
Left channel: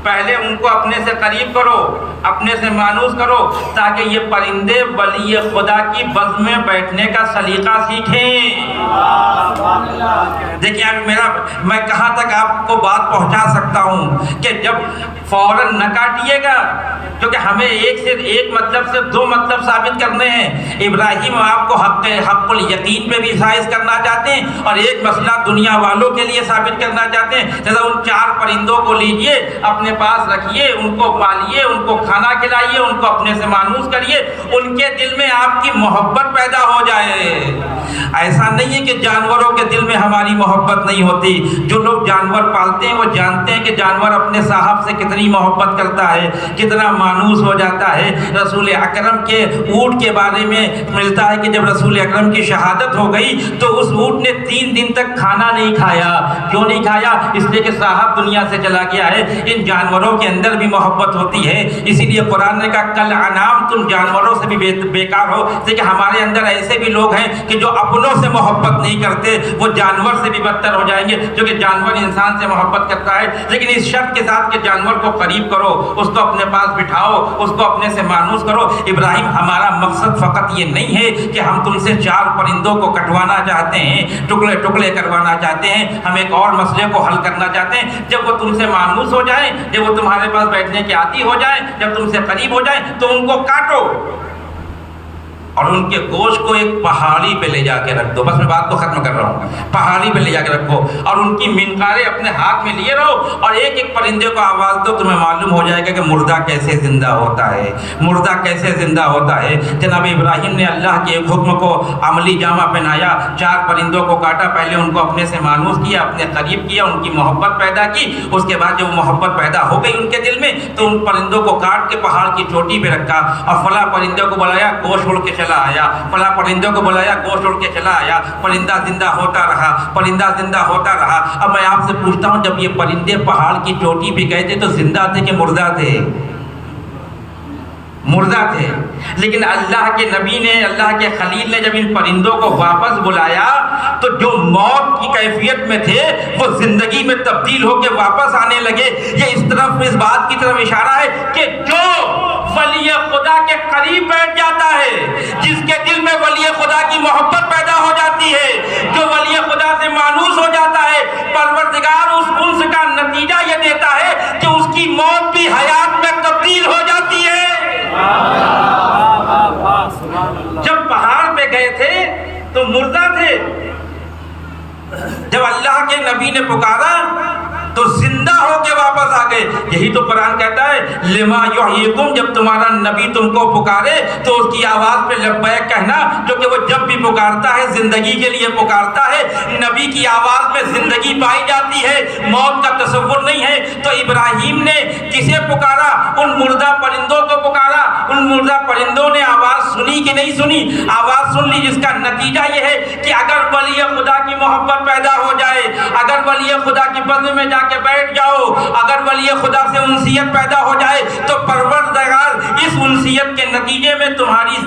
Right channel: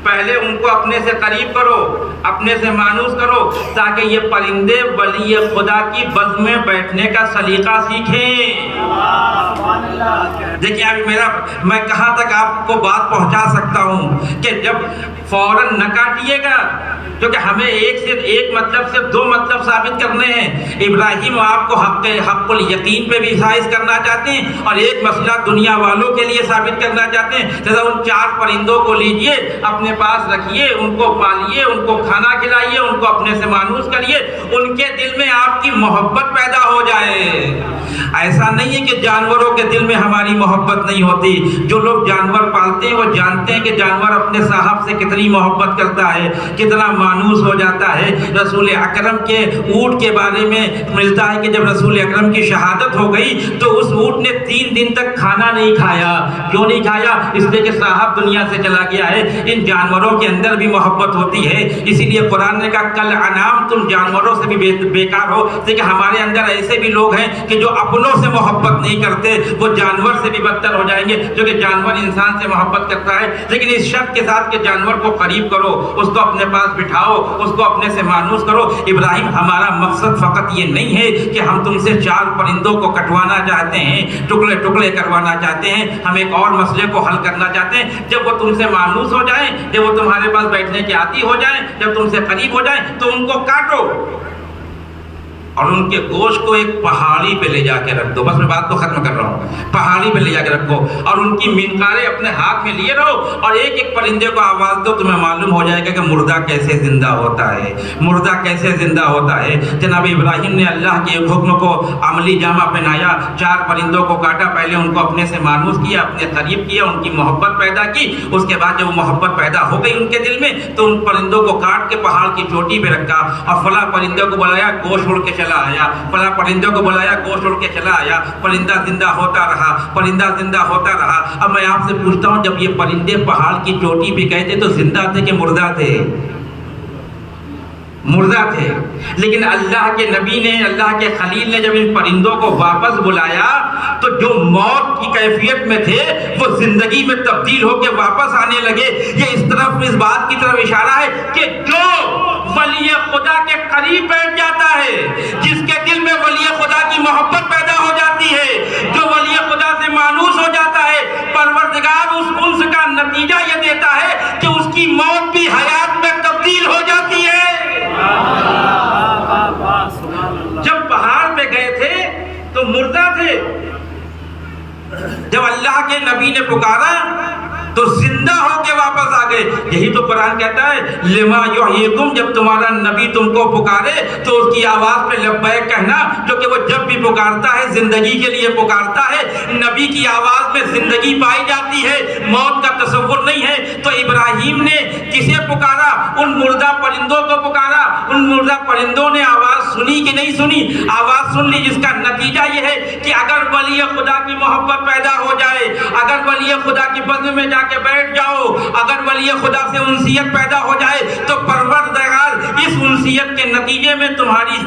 پہلے ان کو اپنے سے قریب کرو, اپنے سے مانوس کرو, تاکہ یہ پرندے ولی خدا کی بز میں بیٹھنے کا سلیقہ سیکھیں. دیکھیے اب میں کہاں تک آپ کو بات پہنچا سکتا ہوں کہ جب فوراً نہ کاٹیے گا, کیونکہ ہمیں ایک مطلب سے 2 مطلب ثابت کرنے ہیں. ابراہیم آپ کو حق الیقین پہ بھی فائز کرنا چاہتے ہیں, اور ایک مسئلہ دنیا والوں کے لیے ثابت کرنا چاہتے ہیں. جیسے ان 4 پرندوں کو لیجئے, اپنے پاس رکھیے, ان کو پالیے, ان کو کھانا کھلائیے, ان کو اپنے سے مانوس کریے, ان کے دل میں آپ کی محبت پیدا ہو جائے. ایسا نہیں ہے کہ جانوروں کے دل میں ہماری محبت نہیں ہوتی. جو لوگ جانور پالتے ہیں وہ جانتے ہیں کہ جانور اپنے صاحب سے کتنی محبت کرتا ہے, کتنا مانوس ہو جاتا ہے. رسول اکرم کے اونٹ کے بارے میں ملتا ہے کہ جب رسول اکرم کی شہادت ہو گئی تو اس اونٹ نے 3 دن تک کھانا نہیں کھایا. کیوں نہیں کھایا؟ اس لیے کہ صاحب دنیا سے چلا گیا ہے. ان جانوروں کے اندر بھی محبت ہوتی ہے, اسی لیے قرآن نے کہا کل انعام, تم جانوروں سے بھی بیکار ہو. کہ ہمارے اندر ایسے بھی لوگ ہیں کہ جو اپنوں سے محبت نہیں کرتے, وہ جانور سے بھی بدتر ہو جائیں گے, کیونکہ جانور انسان سے محبت کرتا ہے, لیکن اس شرط کے ساتھ کہ جانور کو قریب کرو, اس کو اپنے پاس بٹھاؤ, اس کو اپنے سے مانوس کرو. ابراہیم ہمارا مقصد فقط یہ نہیں ہے کہ ہم تم سے 4 پرندوں کو کٹوانا چاہتے ہیں, ٹکڑے ٹکڑے کروانا چاہتے ہیں. ہم ایک اور مسئلے کو حل کرنا چاہتے ہیں. جب وہ تم سے مانوس ہو جائیں, جب وہ تمہارے پاس بیٹھنے کے عادی ہو جائیں, جب تم سے قریب ہو جائیں, تو ان کو کاٹو اور ان کے گوشت کو ایک پہاڑی پہ لے جا کے رکھ دو. بس میں بات کو ختم کر رہا ہوں. پہاڑی پہ لے جا کے رکھو اور ان کی منقاریں اپنے ہاتھ میں لیے رہو, اور ایک ایک پرندے کو آواز دو. تمہیں معلوم ہو جائے گا کہ مردہ کیسے زندہ ہوتا ہے, مردہ کیسے زندہ ہوتا ہے. جناب ابراہیم نے اللہ کے ایک حکم کو عملی جامہ پہنایا. 4 پرندوں کو کاٹا, پہلے ان کو اپنے سے مانوس کیا, اپنے قریب کیا, ان کی محبت پیدا کی. اس کے بعد جب وہ محبت پیدا ہو گئی ان کے دل میں, تو ان پرندوں کو کاٹ کے پہاڑ کی چوٹی پہ رکھا, اور فلاں پرندوں کو بلایا, گوشت اڑ کے چلا آیا. فلاں پرندوں کو بلایا, گوشت اڑ کے چلا آیا. پرندہ زندہ ہوتا رہا, پرندہ زندہ ہوتا رہا. اب میں آپ سے پوچھتا ہوں, جب یہ پرندے پہاڑ کی چوٹی پہ گئے تھے تو زندہ تھے کہ مردہ تھے؟ مردہ تھے. لیکن اللہ کے نبی نے, اللہ کے خلیل نے جب ان پرندوں کو واپس بلایا تو جو موت کی کیفیت میں تھے وہ زندگی میں تبدیل ہو کے واپس آنے لگے. یہ اس بات کی طرف اشارہ ہے کہ جو ولی خدا کے قریب بیٹھ جاتا ہے, جس کے دل میں ولی خدا کی محبت پیدا ہو جاتی ہے, جو ولی خدا سے مانوس ہو جاتا ہے, پروردگار اس انس کا نتیجہ یہ دیتا ہے کہ اس کی موت بھی حیات میں تبدیل ہو جاتی ہے. جب اللہ کے نبی نے پکارا تو زندہ ہو کے واپس آ گئے. یہی تو قرآن کہتا ہے لما یحییکم، جب تمہارا نبی تم کو پکارے تو اس کی آواز پہ لبیک کہنا، کیونکہ وہ جب بھی پکارتا ہے زندگی کے لیے پکارتا ہے. نبی کی آواز میں زندگی پائی جاتی ہے، موت کا تصور نہیں ہے. تو ابراہیم نے کسے پکارا؟ ان مردہ پرندوں کو پکارا. ان مردہ پرندوں نے آواز سنی کہ نہیں سنی؟ آواز سن لی، جس کا نتیجہ یہ ہے کہ اگر ولی خدا کی محبت پیدا ہو جائے، اگر ولی خدا کی بزم میں جا کے بیٹھ جاؤ، اگر ولی خدا سے انسیت پیدا ہو جائے تو پروردگار اس انسیت کے نتیجے میں تمہاری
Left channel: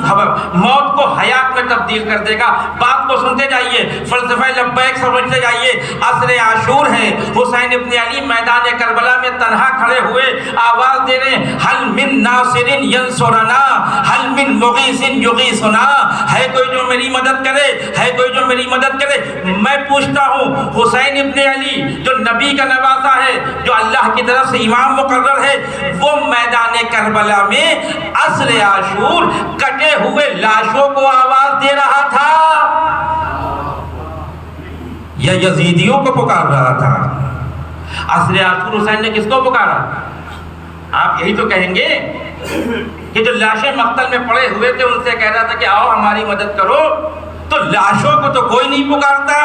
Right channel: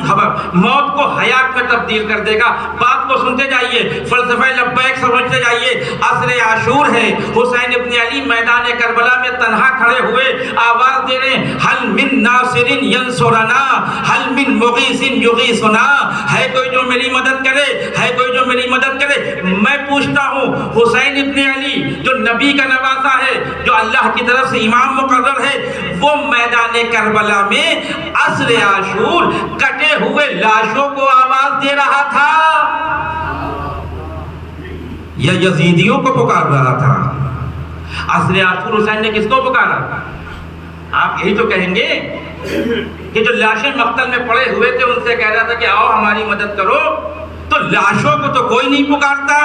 موت کو حیات میں تبدیل کر دے گا. بات کو سنتے جائیے، فلسفہ لبیک سمجھتے جائیے. عصر عاشور ہے، حسین ابن علی میدان کربلا میں تنہا کھڑے ہوئے آواز دے رہے ہیں، حل من ناصر ینصرنا، حل من مغیث یغیثنا. ہے کوئی جو میری مدد کرے، ہے کوئی جو میری مدد کرے. میں پوچھتا ہوں، حسین ابن علی جو نبی کا نواسا ہے، جو اللہ کی طرف سے امام مقرر ہے، وہ میدان کربلا میں عصر عاشور کٹے ہوئے لاشوں کو آواز دے رہا تھا یا یزیدیوں کو پکار رہا تھا؟ عصر عاشور حسین نے کس کو پکارا؟ آپ یہی تو کہیں گے کہ جو لاشیں مقتل میں پڑے ہوئے تھے ان سے کہہ رہا تھا کہ آؤ ہماری مدد کرو. تو لاشوں کو تو کوئی نہیں پکارتا،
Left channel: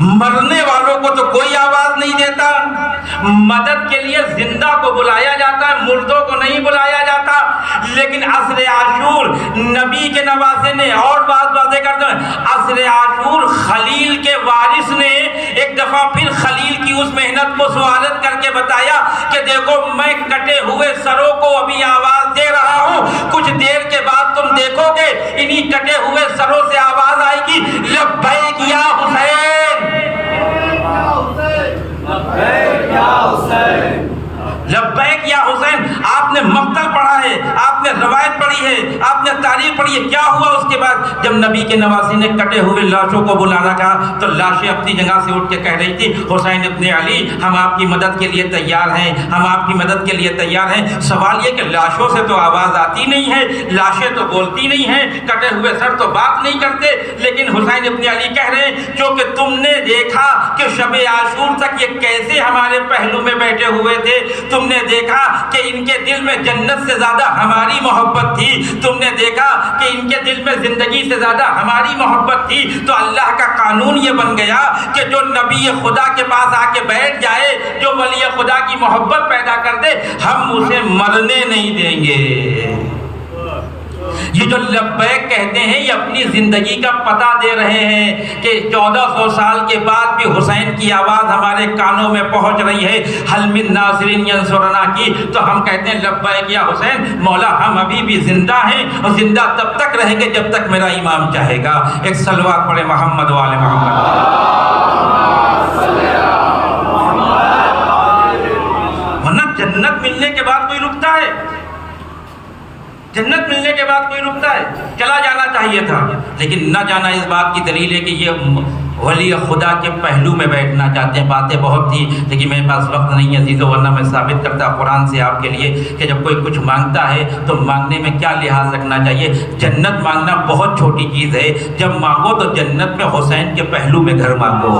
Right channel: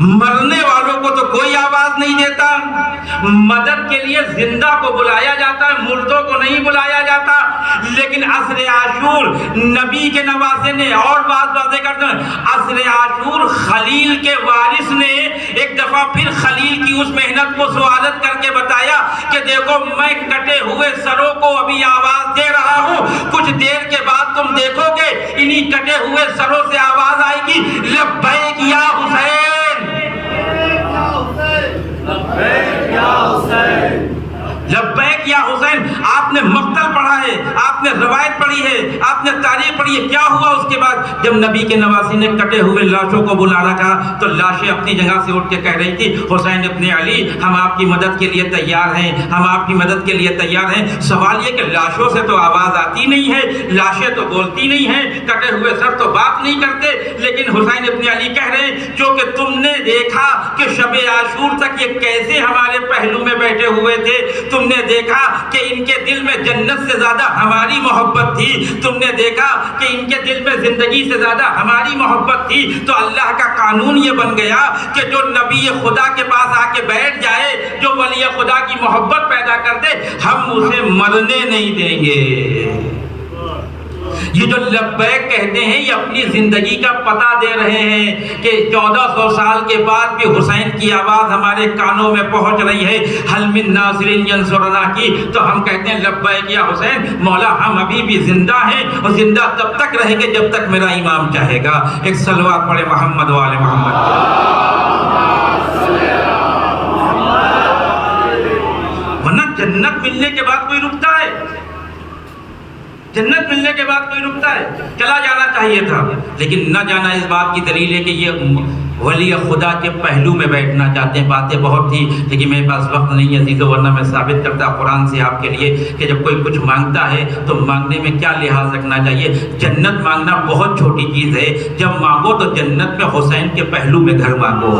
مرنے والوں کو تو کوئی آواز نہیں دیتا. مدد کے لیے زندہ کو بلایا جاتا ہے، مردوں کو نہیں بلایا جاتا. لیکن عصر عاشور نبی کے نواسے نے اور بات واضح کر دیں، عصر عاشور خلیل کے وارث نے ایک دفعہ پھر خلیل کی اس محنت کو سوالت کر کے بتایا کہ دیکھو میں کٹے ہوئے سروں کو ابھی آواز دے رہا ہوں، کچھ دیر کے بعد تم دیکھو گے انہی کٹے ہوئے سروں سے آواز آئے گی، لبیک یا حسین، لبیک یا حسین، لبیک یا حسین. آپ نے مقتل پڑھا ہے، آپ نے روایت پڑھی ہے، آپ نے تاریخ پڑھی ہے. کیا ہوا اس کے بعد؟ جب نبی کے نواسی نے کٹے ہوئے لاشوں کو بلانا کہا تو لاشیں اپنی جگہ سے اٹھ کے کہہ رہی تھی، حسین ابن علی ہم آپ کی مدد کے لیے تیار ہیں، ہم آپ کی مدد کے لیے تیار ہیں. سوال یہ کہ لاشوں سے تو آواز آتی نہیں ہے، لاشیں تو بولتی نہیں ہیں، کٹے ہوئے سر تو بات نہیں کرتے. لیکن حسین ابن علی کہہ رہے ہیں کیونکہ تم نے دیکھا کہ شب عاشور تک یہ کیسے ہمارے پہلو میں بیٹھے ہوئے تھے، تم نے دیکھا کہ ان کے دل میں جنت سے زیادہ ہماری محبت تھی، تم نے دیکھا کہ ان کے دل میں زندگی سے زیادہ ہماری محبت تھی. تو اللہ کا قانون یہ بن گیا کہ جو نبی خدا کے پاس آ کے بیٹھ جائے، جو ولی خدا کی محبت پیدا کر دے، ہم اسے مرنے نہیں دیں گے. یہ جو لبیک کہتے ہیں یہ اپنی زندگی کا پتہ دے رہے ہیں کہ 1400 سال کے بعد بھی حسین کی آواز ہمارے کانوں میں پہنچ رہی ہے، حل من ناصر ینصرنا کی. تو ہم کہتے ہیں لبیک یا حسین، مولا ہم ابھی بھی زندہ ہیں اور زندہ تب تک رہیں گے جب تک میرا امام چاہے گا. ایک صلوات پڑھے محمد و آل محمد. ورنہ جنت ملنے کے بعد کوئی رکتا ہے؟ جنت ملنے کے بعد کوئی رکتا ہے؟ چلا جانا چاہیے تھا، لیکن نہ جانا اس بات کی دلیل ہے کہ یہ ولی خدا کے پہلو میں بیٹھنا چاہتے ہیں. باتیں بہت تھی لیکن میرے پاس وقت نہیں ہے عزیزو، ورنہ میں ثابت کرتا قرآن سے آپ کے لیے کہ جب کوئی کچھ مانگتا ہے تو مانگنے میں کیا لحاظ رکھنا چاہیے. جنت مانگنا بہت چھوٹی چیز ہے، جب مانگو تو جنت میں حسین کے پہلو میں گھر مانگو،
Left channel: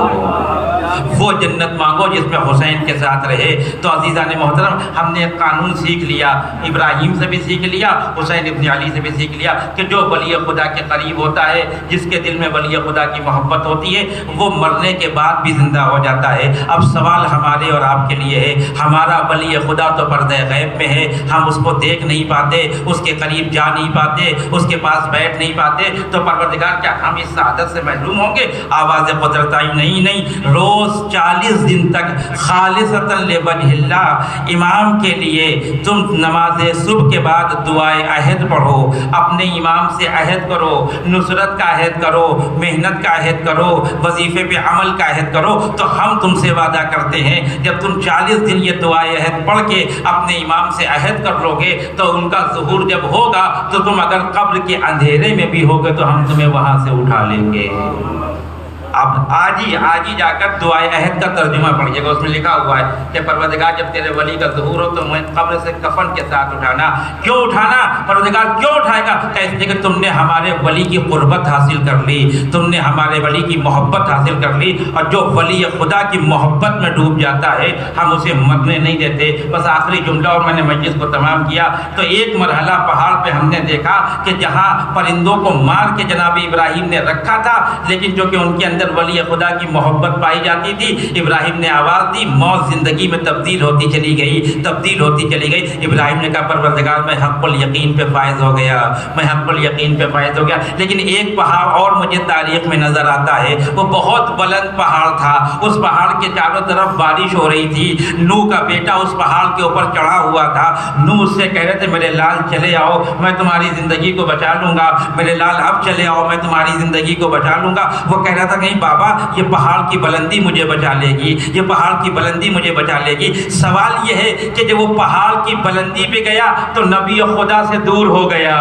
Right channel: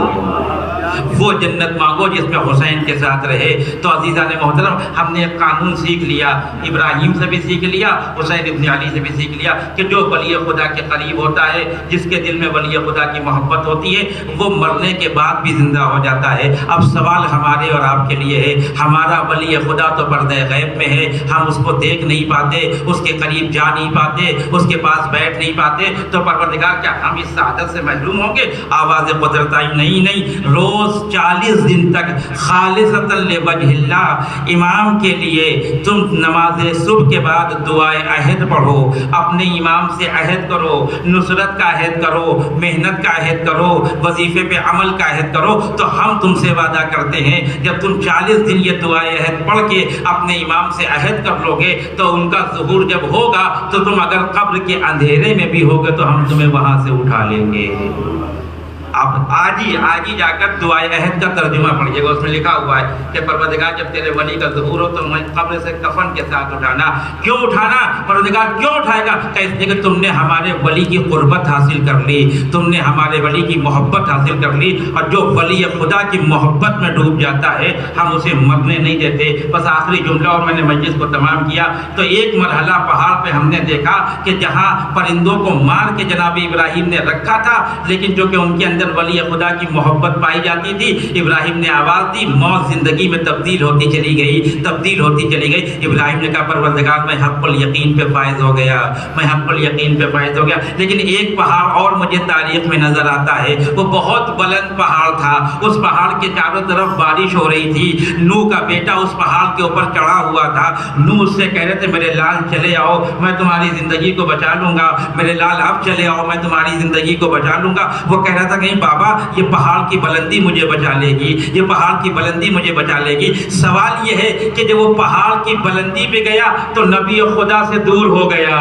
وہ جنت مانگو جس میں حسین کے ساتھ رہے. تو عزیزان محترم، ہم نے ایک قانون سیکھ لیا، ابراہیم سے بھی سیکھ لیا، حسین ابن علی سے بھی سیکھ لیا کہ جو ولی خدا کے قریب ہوتا ہے، جس کے دل میں ولی خدا کی محبت ہوتی ہے، وہ مرنے کے بعد بھی زندہ ہو جاتا ہے. اب سوال ہمارے اور آپ کے لیے ہے، ہمارا ولی خدا تو پردہ غیب میں ہے، ہم اس کو دیکھ نہیں پاتے، اس کے قریب جا نہیں پاتے، اس کے پاس بیٹھ نہیں پاتے. تو پروردگار کیا ہم اس سعادت سے محروم ہوں گے؟ آواز قدرت آئی نہیں. روز 40 دن تک خالصۃ لوجہ اللہ امام کے لیے تم نماز صبح کے بعد دعائے عہد پڑھو، اپنے امام سے عہد کرو، نصرت کا عہد کرو، محنت کا عہد کرو، وظیفے پہ عمل کا عہد کرو. تو ہم تم سے وعدہ کرتے ہیں جب تم 40 دن یہ دعائے عہد پڑھ کے اپنے امام سے عہد کر لو گے تو ان کا ظہور جب ہوگا تو تم اگر قبر کے اندھیرے میں بھی ہوگے تو ہم تمہیں وہاں سے اٹھا لیں گے. اب آج ہی جا کر دعائے عہد کا ترجمہ پڑھیے گا، اس میں لکھا ہوا ہے کہ پروردگار جب تیرے ولی کا ظہور ہو تو میں قبر سے کفن کے ساتھ اٹھانا۔ کیوں اٹھانا؟ پروردگار کیوں اٹھائے گا؟ کہ اس لیے کہ تم نے ہمارے ولی کی قربت حاصل کر لی، تم نے ہمارے ولی کی محبت حاصل کر لی، اور جو ولی خدا کی محبت میں ڈوب جاتا ہے ہم اسے مرنے نہیں دیتے۔ بس آخری جملہ اور میں نے مجلس کو تمام کیا تو ایک مرحلہ پہاڑ پہ ہم نے دیکھا کہ جہاں پرندوں کو مار کے جناب ابراہیم نے رکھا تھا، لیکن جو کہ ان کے اندر ولی خدا کی محبت پائی جاتی تھی، ابراہیم نے آواز دی، موت زندگی میں تبدیل ہوتی چلی گئی۔ ابراہیم نے کہا پروردگار میں حق الیقین پہ فائز ہو گیا، میں حق الیقین پہ فائز ہو گیا۔ لیکن ایک پہاڑ اور مجھے تاریخ میں نظر آتا ہے، وہ بہت بلند پہاڑ تھا، اس پہاڑ کے چاروں طرف بارش ہو رہی تھی، نوح کا بیٹا اس پہاڑ کے اوپر چڑھا ہوا تھا۔ نوح اس سے کہہ رہے تھے میرے لال چلے آؤ میں تمہاری زندگی کو بچا لوں گا، میرے لال اب چلے آؤ میں تمہاری زندگی کو بچا لوں گا۔ وہ کہہ رہا تھا کہیں بابا یہ پہاڑ کی بلندی مجھے بچا لے گی، یہ پہاڑ کی بلندی مجھے بچا لے گی۔ سوال یہ ہے کہ جب وہ پہاڑ کی بلندی پہ گیا تو نبی خدا سے دور ہو گیا۔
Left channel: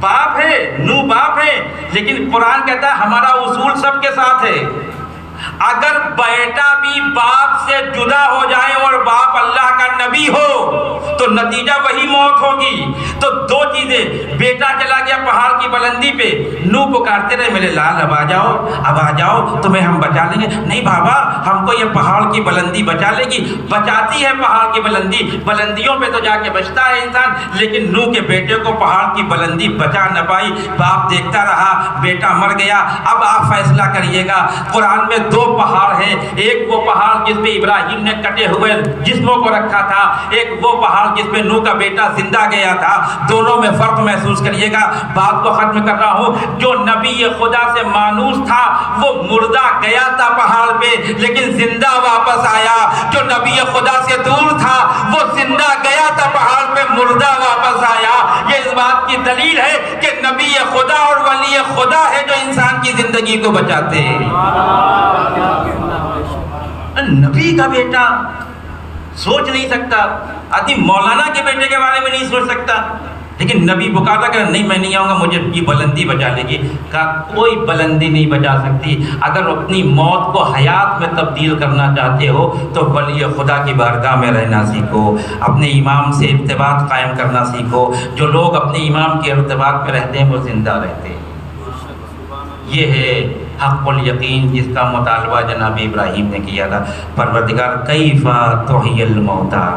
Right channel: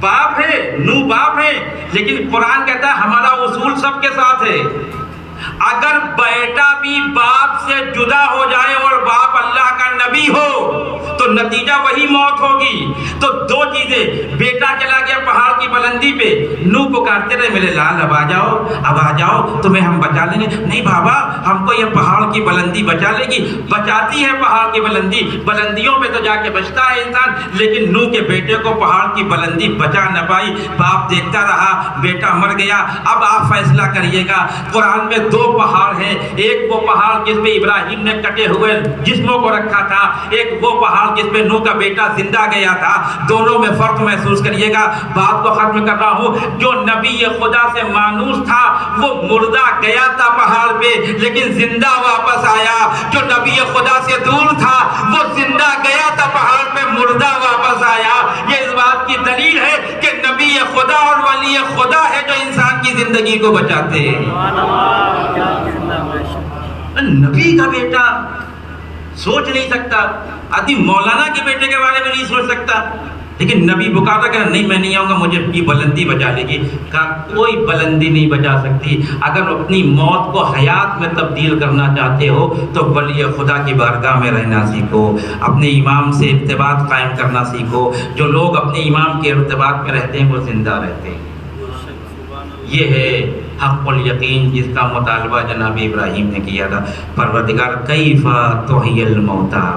باپ ہے، نوح باپ ہے، لیکن قرآن کہتا ہے ہمارا اصول سب کے ساتھ ہے، اگر بیٹا بھی باپ سے جدا ہو جائے اور باپ اللہ کا نبی ہو تو نتیجہ وہی موت ہوگی۔ تو دو چیزیں، بیٹا چلا گیا پہاڑ کی بلندی پہ، نوح پکارتے رہے میرے لال اب آ جاؤ تمہیں ہم بچا لیں گے۔ نہیں بابا ہم کو یہ پہاڑ کی بلندی بچا لے گی، بچاتی ہے پہاڑ کی بلندی، بلندیوں پہ تو جا کے بچتا ہے انسان، لیکن نوح کے بیٹے کو پہاڑ کی بلندی بچا نہ پائی۔ باپ دیکھتا رہا، بیٹا مر گیا۔ اب آپ فیصلہ کریے گا، قرآن میں دو پہاڑ ہیں، ایک وہ پہاڑ جس پہ ابراہیم نے کٹے ہوئے جسموں کو رکھا تھا، ایک وہ پہاڑ جس پہ نوح کا بیٹا زندہ گیا تھا۔ دونوں میں فرق محسوس کریے گا۔ بات کو ختم کر رہا ہوں، جو نبی خدا سے مانوس تھا وہ مردہ گیا تھا پہاڑ پہ لیکن زندہ واپس آیا، جو نبی خدا سے دور تھا وہ زندہ گیا تھا پہاڑ پہ، مردہ واپس آیا۔ یہ اس بات کی دلیل ہے کہ نبی خدا اور ولی خدا ہے جو انسان کی زندگی کو بچاتے ہیں۔ نبی کا بیٹا سوچ نہیں سکتا، آدمی مولانا کے بیٹے کے بارے میں نہیں سوچ سکتا، لیکن نبی پکارا کہ نہیں میں نہیں آؤں گا، مجھے یہ بلندی بچا لے گی۔ کہا کوئی بلندی نہیں بچا سکتی، اگر اپنی موت کو حیات میں تبدیل کرنا چاہتے ہو تو ولی خدا کی بارگاہ میں رہنا سیکھو، اپنے امام سے ارتباط قائم کرنا سیکھو۔ جو لوگ اپنے امام کے ارتباط میں رہتے ہیں وہ زندہ رہتے ہیں۔ یہ ہے حق الیقین جس کا مطالبہ جناب ابراہیم نے کیا تھا، پروردگار کیف تحیی الموتیٰ۔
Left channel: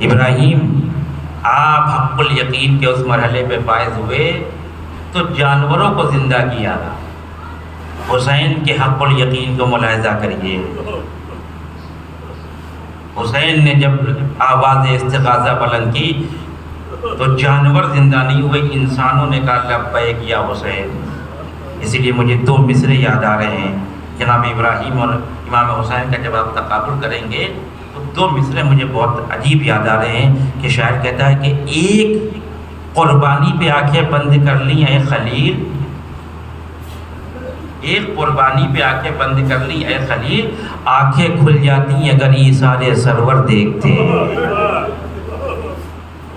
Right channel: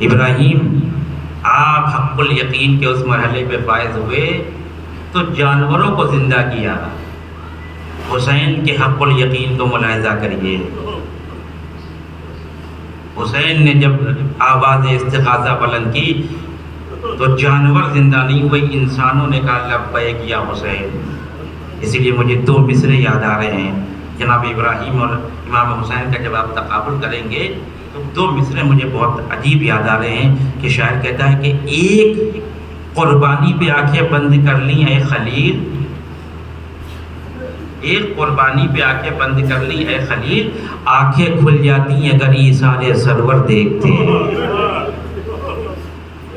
ابراہیم آپ حق الیقین کے اس مرحلے پہ فائز ہوئے تو جانوروں کو زندہ کیا۔ حسین کے حق الیقین کو ملاحظہ کریے، حسین نے جب آواز استغاثہ بلند کی تو جانور زندہ نہیں ہوئے، انسانوں نے کہا لبیک یا حسین۔ اسی لیے مجھے دو مصرے یاد آ رہے ہیں جناب ابراہیم اور امام حسین کا، جب آپ تقابل کریں گے تو دو مصرے مجھے بہت عجیب یاد آ رہے ہیں کہ شاعر کہتا ہے کہ ایک قربانی پہ آنکھیں بند کر لی اے خلیل، ایک قربانی پہ آنکھیں بند کر لی اے خلیل، آنکھیں کھل جاتی اگر ایثار سرور دیکھتے۔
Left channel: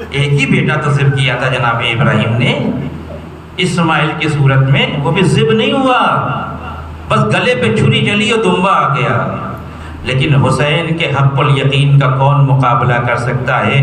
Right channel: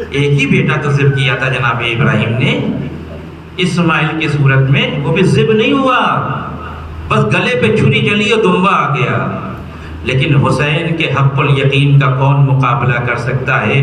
ایک ہی بیٹا تو ذبح کیا تھا جناب ابراہیم نے اسماعیل کی صورت میں، وہ بھی ذبح نہیں ہوا، بس گلے پہ چھری چلی اور دمبا آ گیا۔ لیکن حسین کے حق الیقین کا کون مقابلہ کر سکتا ہے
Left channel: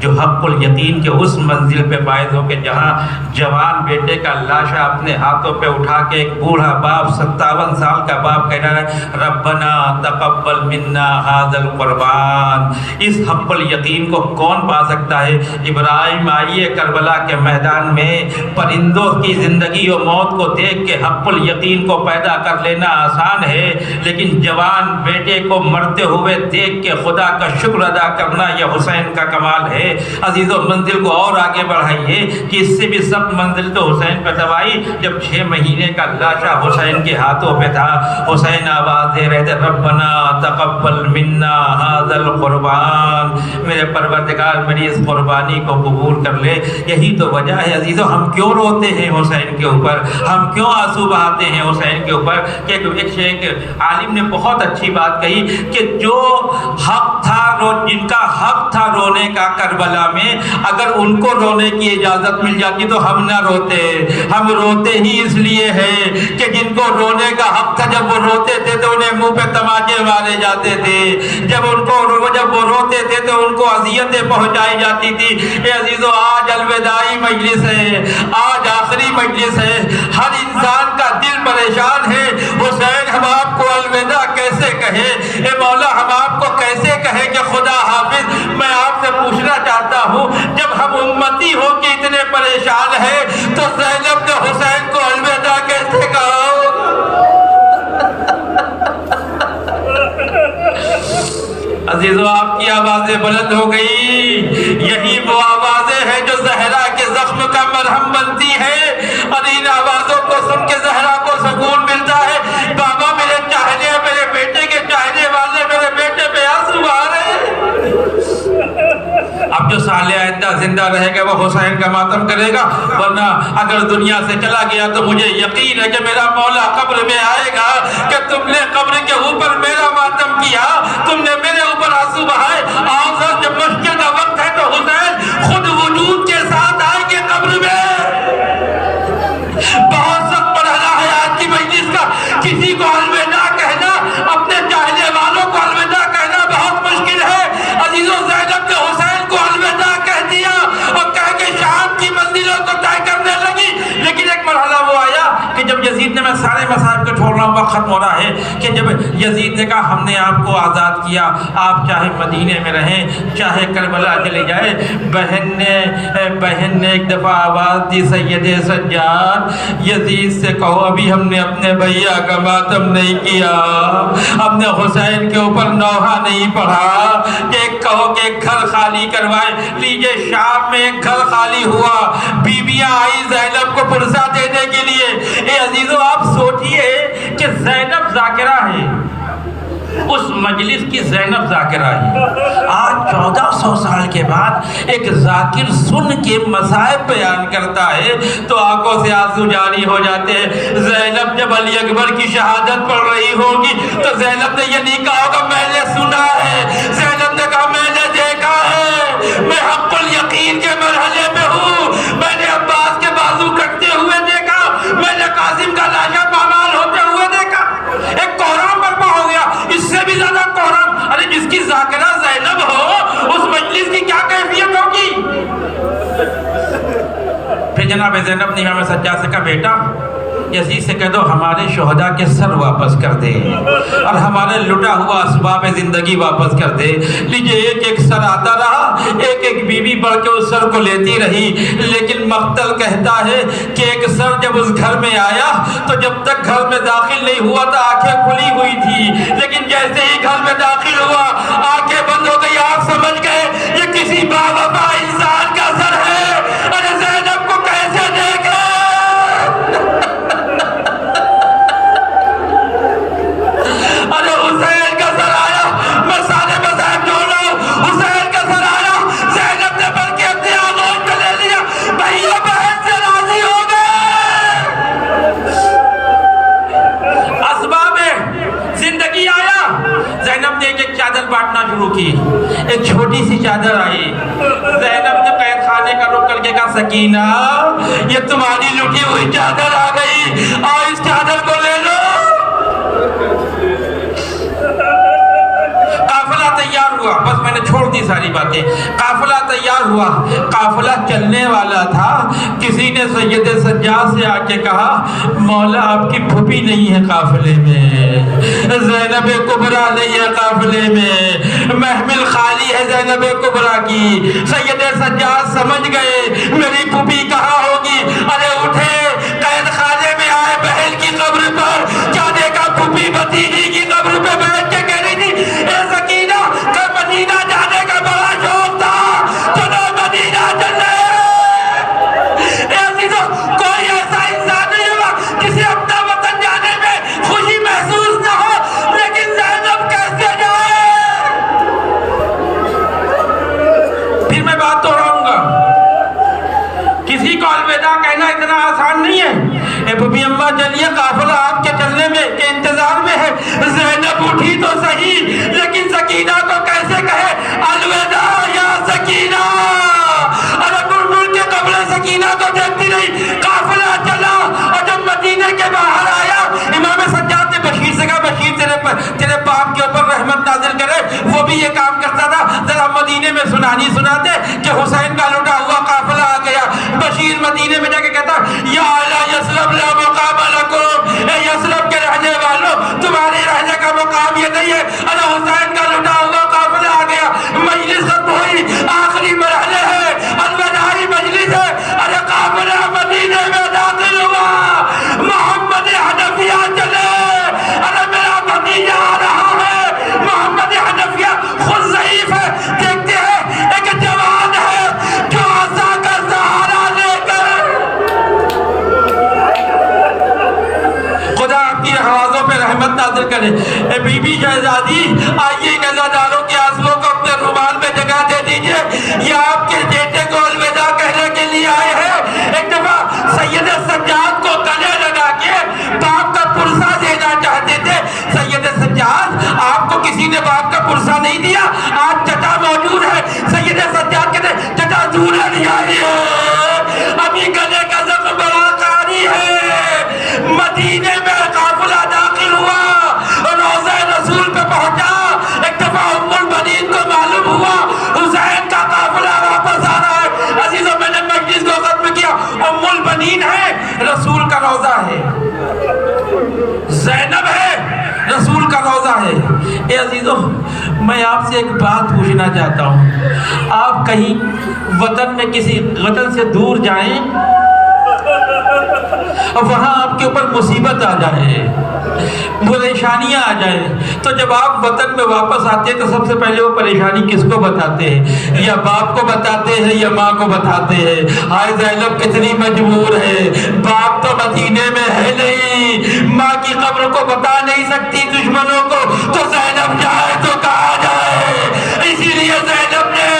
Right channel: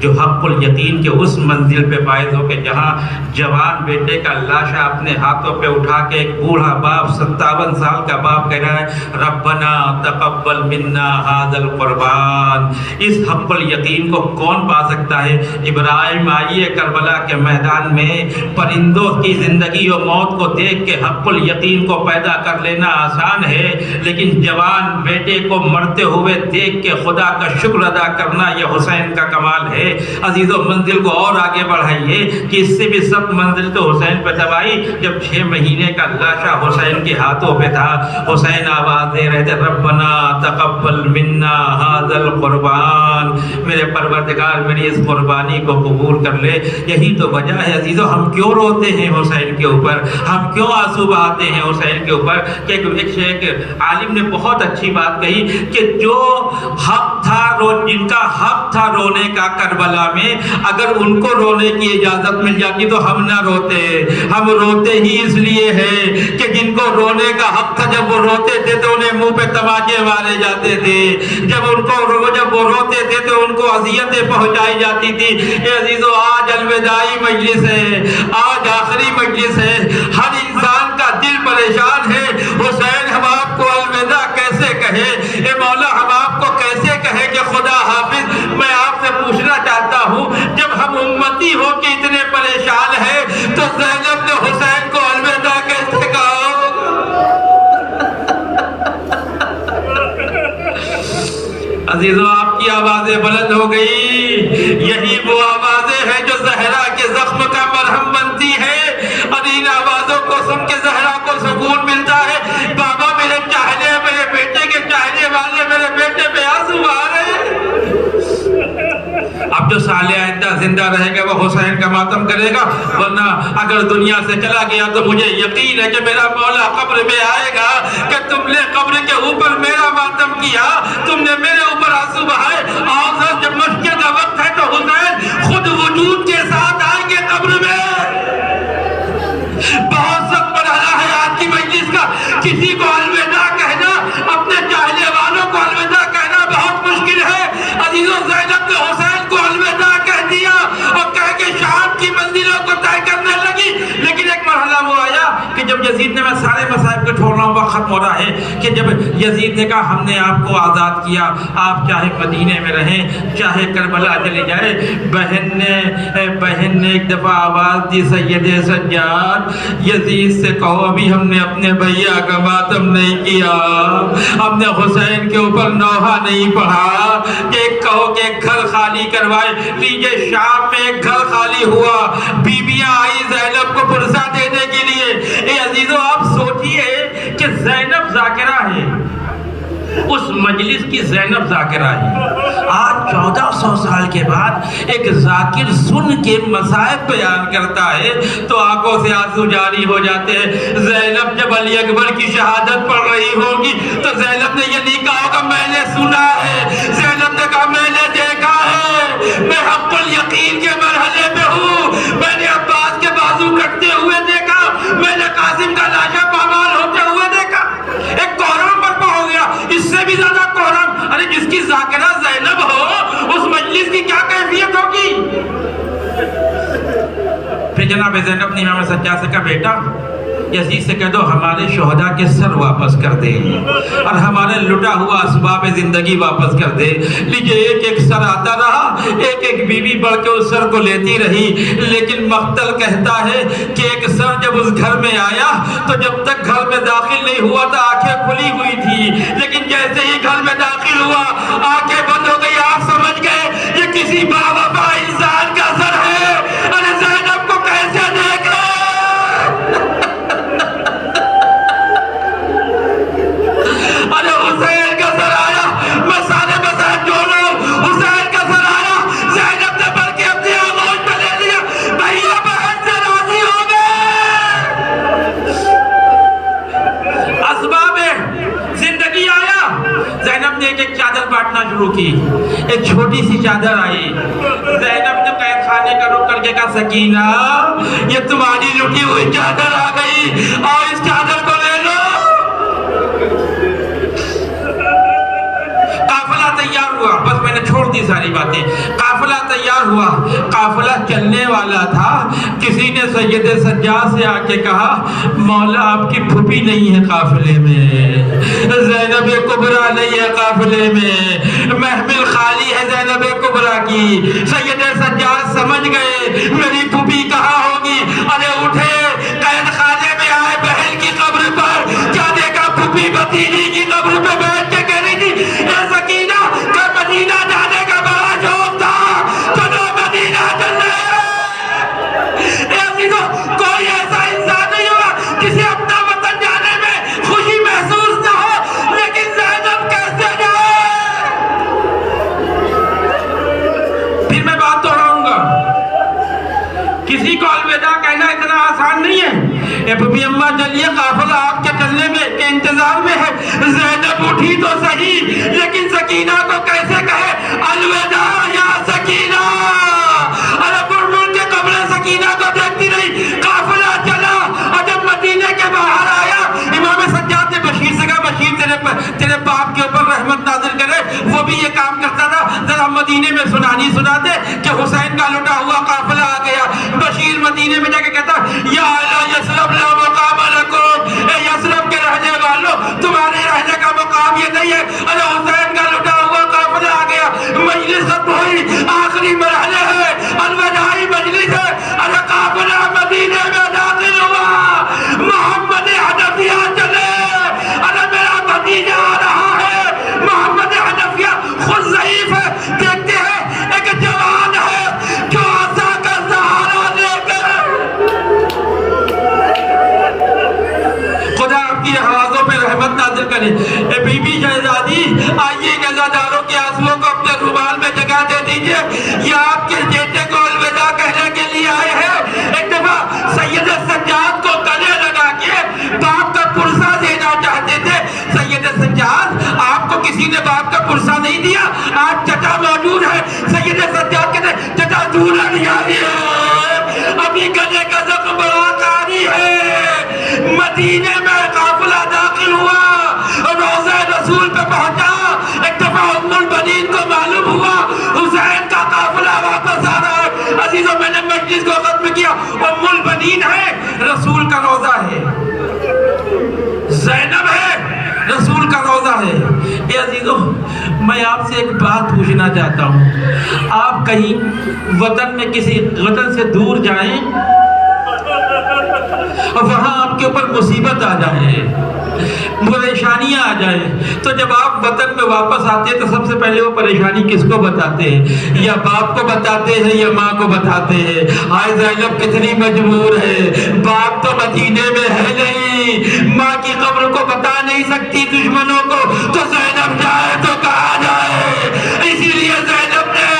جو حق الیقین کے اس منزل پہ فائز ہو کہ جہاں جوان بیٹے کا لاشا اپنے ہاتھوں پہ اٹھا کے ایک بوڑھا باپ 57 سال کا باپ کہہ رہا ہے ربنا تقبل منا ھذا القربان۔ اس حق الیقین کو کون پا سکتا ہے؟ ابراہیم آئیے کربلا کے میدان میں، پرندوں کی زندگی و موت کو دیکھ کے حق الیقین کو پیدا کر لینا آسان ہے، لیکن جوان بیٹے کو مرتے ہوئے دیکھ کے خدا کا شکر ادا کرنا یہ حسین کا کمال ہے۔ عزیزو منزل کو اور آگے بڑھائیے کہ اس سے بھی سخت منزل تو حسین پہ تباہی جب 6 مہینے کا لاشا حسین کے ہاتھوں پہ تھا۔ حسین آواز دے رہے تھے ربنا تقبل منا ھذا القربان، میرے پروردگار میری اس قربانی کو قبول کر لے۔ یہی تو وجہ ہے عزیزو ہم کیوں روتے ہیں حسین کے اوپر، ہم کیوں آنسو بہاتے ہیں حسین کے اوپر کہ ایک عالم نے بہت اچھی بات کہی کہ جو حق تھا جن کا حق تھا رونے کا کربلا میں، اگر ان کو رونے کی اجازت مل جاتی تو ہم نہ روتے. ہم روتے ہی اس لیے ہیں کہ جن کو رونے کا حق تھا جب وہ روتے تھے تو انہیں منہ پہ تماچے مارے جاتے تھے، جب وہ روتے تھے تو ان کو اذیتیں پہنچائی جاتی تھی. اے عزیزو، آج الوداعی مجلس ہے، آج آخری مجلس ہے، ہر انسان کا دل پریشان ہے. حسین ہم آپ کو الوداع کیسے کہے؟ اے مولا ہم آپ کو کیسے کہے کہ خدا حافظ؟ میں آپ سے پوچھنا چاہتا ہوں، جب ہم امتی ہو کے اتنے پریشان ہیں تو زینب نے حسین کو الوداع کیسے کہا؟ عزیزو، آپ کی آوازیں بلند ہو گئی. یہی وہ آوازیں ہیں جو زہرا کے زخم کا مرہم بنتی ہے، اور ان آوازوں کو سن کے زہرا کو سکون ملتا ہے. بابا میرے چاہنے، میرے بیٹے کے چاہنے والے، میرے بیٹے پہ آنسو آ رہے ہیں. اب جو صالح آئندہ زندہ رہے گا وہ حسین کا ماتم کرے گا، ورنہ اگر دنیا سے چلا گیا تو مجھے یقین ہے کہ میرا مولا قبر میں آئے گا کہ تم نے قبر کے اوپر میرا ماتم کیا، تم نے میرے اوپر آنسو بہائے. اور جب مشکل کا وقت ہے تو حسین خود وجود کے ساتھ آئیں گے قبر میں. بہت سخت مرحلہ ہے آج کی مجلس کا. کسی کو الوداع کہنا، اپنے چاہنے والوں کو الوداع کہنا بہت مشکل ہے. عزیزوں، زینب نے حسین کو الوداع کہہ دیا اور کہہ کے شام کی منزلوں کو طے کرنے لگی. لیکن ایک مرحلہ وہ آیا کہ جب یزید نے، میں سارے مصائب کو چھوڑ رہا ہوں، وقت ختم ہو رہا ہے، کہ جب یزید نے کہا ہم نے آپ کو آزاد کیا، آپ چاہے مدینے میں رہیں چاہے کربلا چلے جائے. بہن نے ایک دفعہ آواز دی، سید سجاد یزید سے کہو ابھی ہم نے اپنے بھیا کا ماتم نہیں کیا، ہم نے حسین کے اوپر نوحہ نہیں پڑھا، کہ کہو کہ ایک گھر خالی کروائے. لیجئے شام میں ایک گھر خالی ہوا، بیویاں آئی زینب کو پرسہ دینے کے لیے. اے عزیزو، آپ سوچئے کہ زینب ذاکرہ ہے، اس مجلس کی زینب ذاکرہ ہے. آج 1400 سال کے بعد ایک ذاکر سن کے مصائب بیان کرتا ہے تو آنکھوں سے آنسو جاری ہو جاتے ہیں. زینب جب علی اکبر کی شہادت پڑھ رہی ہوگی تو زینب نے یہ نہیں کہا ہوگا میں نے سنا ہے، زینب نے کہا میں نے دیکھا ہے، میں حق الیقین کے مرحلے پہ ہوں. میں نے عباس کے بازو کٹتے ہوئے دیکھا، میں نے قاسم کا لاشا پامال ہوتے ہوئے دیکھا. ایک کوہرام برپا ہو گیا، اس سے بھی زیادہ کوہرام. ارے جس کی ذاکرہ زینب ہو اس مجلس کی کیا کیفیت ہوگی؟ پھر جناب زینب نے امام سجاد سے کہا بیٹا یزید سے کہہ دو ہمارے شہداء کے سر واپس کر دے اور ہمارے لٹا ہوا اسباب زندگی واپس کر دے. لیجئے ایک ایک سر آتا رہا، ایک ایک بیوی بڑھ کے اس سر کو لیتی رہی. لیکن مقتل کہتا ہے کہ ایک سر جب اس گھر میں آیا تو جب تک گھر میں داخل نہیں ہوا تھا آنکھیں کھلی ہوئی تھی، لیکن جیسے ہی گھر میں داخل ہوا آنکھیں بند ہو گئی. آپ سمجھ گئے یہ کسی باوفا انسان کا سر ہے. ارے زینب کو کیسے دیکھے؟ ارے حسین کا سر آیا، میں سارے مذہب جوڑ رہا ہوں، حسین کا سر آیا. زینب نے بلکہ اپنے آغوش میں لے لیا، بھائیو بہن سے راضی ہو گئے. اسباب زندگی آیا، زینب نے ایک چادر بانٹنا شروع کی. ایک چھوٹی سی چادر آئی، زینب نے قید خانے کا رخ کر کے کہا سکینہ یہ تمہاری لٹی ہوئی چادر آ گئی اور اس چادر کو لے لو. قافلہ تیار ہوا، بس میں نے چھوڑ دی ساری باتیں. قافلہ تیار ہوا، قافلہ چلنے والا تھا. کسی نے سید سجاد سے آ کے کہا مولا آپ کی پھوپھی نہیں ہے قافلے میں، زینب کبریٰ نہیں ہے قافلے میں، محمل خالی ہے زینب کبریٰ کی. سید سجاد سمجھ گئے میری پھوپھی کہاں ہوگی. ارے اٹھے، قید خانے میں آئے، بہن کی قبر پر کیا دیکھا؟ پھوپھی بھتیجی کی قبر پہ بیٹھ کے کہہ رہی تھی اے سکینہ کہ مدینہ جانے کا بڑا شوق تھا، چلو مدینہ چلے. اے عزیزو، کوئی ایسا انسان نہیں ہوگا کسی اپنا وطن جانے میں خوشی محسوس نہ ہو، لیکن زینب کیسے جائے؟ پھر میں بات دوہراؤں گا، کسی کو الوداع کہنا اتنا آسان مدینہ کو کیسے کہے الوداع یا سکینہ. ارے بلبل کے قبر سکینہ کو دیکھتی رہی. قافلہ چلا اور جب مدینے کے باہر آیا امام سجاد نے بشیر سے کہا بشیر تیرے باپ کے اوپر رحمت نازل کرے. وہ بھی یہ کام کرتا تھا. ذرا مدینے میں سنانی سنا دے کہ حسین کا لوٹا ہوا قافلہ آ گیا. بشیر مدینے میں جا کے کہتا یا اہل یثرب لا مقام لکم. اے یثرب کے رہنے والوں تمہارے رہنے کا مقام یہ نہیں ہے. ارے حسین کا لوٹا ہوا قافلہ آ گیا. مجلس ختم ہوئی. آخری مرحلے ہے. الوداعی مجلس ہے. ارے قافلہ مدینے میں داخل ہوا. محمد حنفیہ چلے. ارے میرا بھتیجا آ رہا ہے. محمد حنفیہ خود ضعیف ہے. دیکھتے ہیں ایک جوان ہے جو عصا کا سہارا لے کر. خدا آپ کی حوازوں پہ رحمت نازل کرے. اے بی بی شہزادی آئیے ان عزاداروں کے آنسوؤں کو اپنے رومال میں جگہ دے دیجئے. یہ آپ کے بیٹے کو الوداع کہنے کے لیے آئے ہیں. ایک دفعہ سید سجاد کو گلے لگا کے باپ کا پرسہ دینا چاہتے تھے. سید سجاد آپ کو کسی نے باپ کا پرسہ نہیں دیا. آج چٹا موجود ہے. سید سجاد کہتے ہیں چٹا دورہ نہیں آئی ہے. ابھی گلے کا زخم بڑا کاری ہے. مدینے میں قافلہ داخل ہوا. روضہ رسول پہ پہنچا. ایک دفعہ ام البنین کو معلوم ہوا حسین کا قافلہ واپس آ رہا ہے. عزیزوں میں نے مجلس کو ختم کیا. ام البنین ہے رسول کا روضہ ہے. زینب ہے رسول کا روضہ ہے. اے عزیزوں میں آپ سے ایک بات پوچھنا چاہتا ہوں. آپ کہیں وطن میں کسی وطن سے دور جائیں اور وہاں آپ کے اوپر مصیبت آ جائے, پریشانیاں آ جائیں, تو جب آپ وطن میں واپس آتے ہیں تو سب سے پہلے وہ پریشانی کس کو بتاتے ہیں؟ یا باپ کو بتاتے ہیں یا ماں کو بتاتے ہیں. ہائے زینب کتنی مجبور ہے. باپ تو مدینے میں ہے نہیں, ماں کی قبر کو بتا نہیں سکتی دشمنوں کو, تو زینب جائے تو کہاں جائے. اسی لیے زینب نے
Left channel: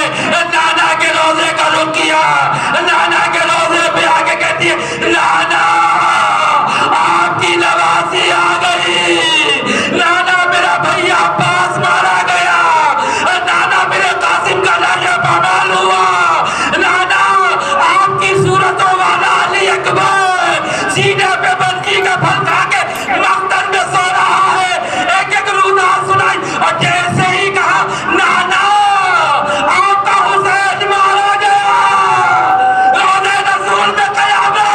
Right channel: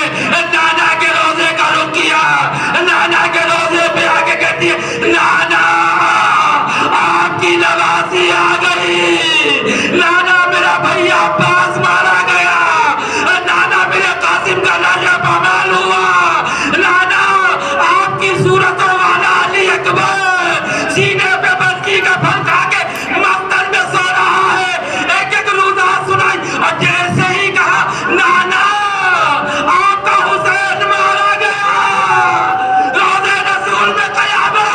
نانا کے روضے کا رخ کیا. نانا کے روضے پہ آ کے کہتی ہے نانا آپ کی نوازی آ گئی. نانا میرا بھائی عباس مارا گیا. نانا میرے قاسم کا لاشا پامال ہوا. نانا آپ کی صورتوں والا علی اکبر سینے پہ بسکی کا پھل کھا کے مقتل میں سو رہا ہے. ایک ایک روزہ سنائی اور جیسے ہی کہا نانا آپ کا حسین مارا گیا. روضہ رسول میں قیامت.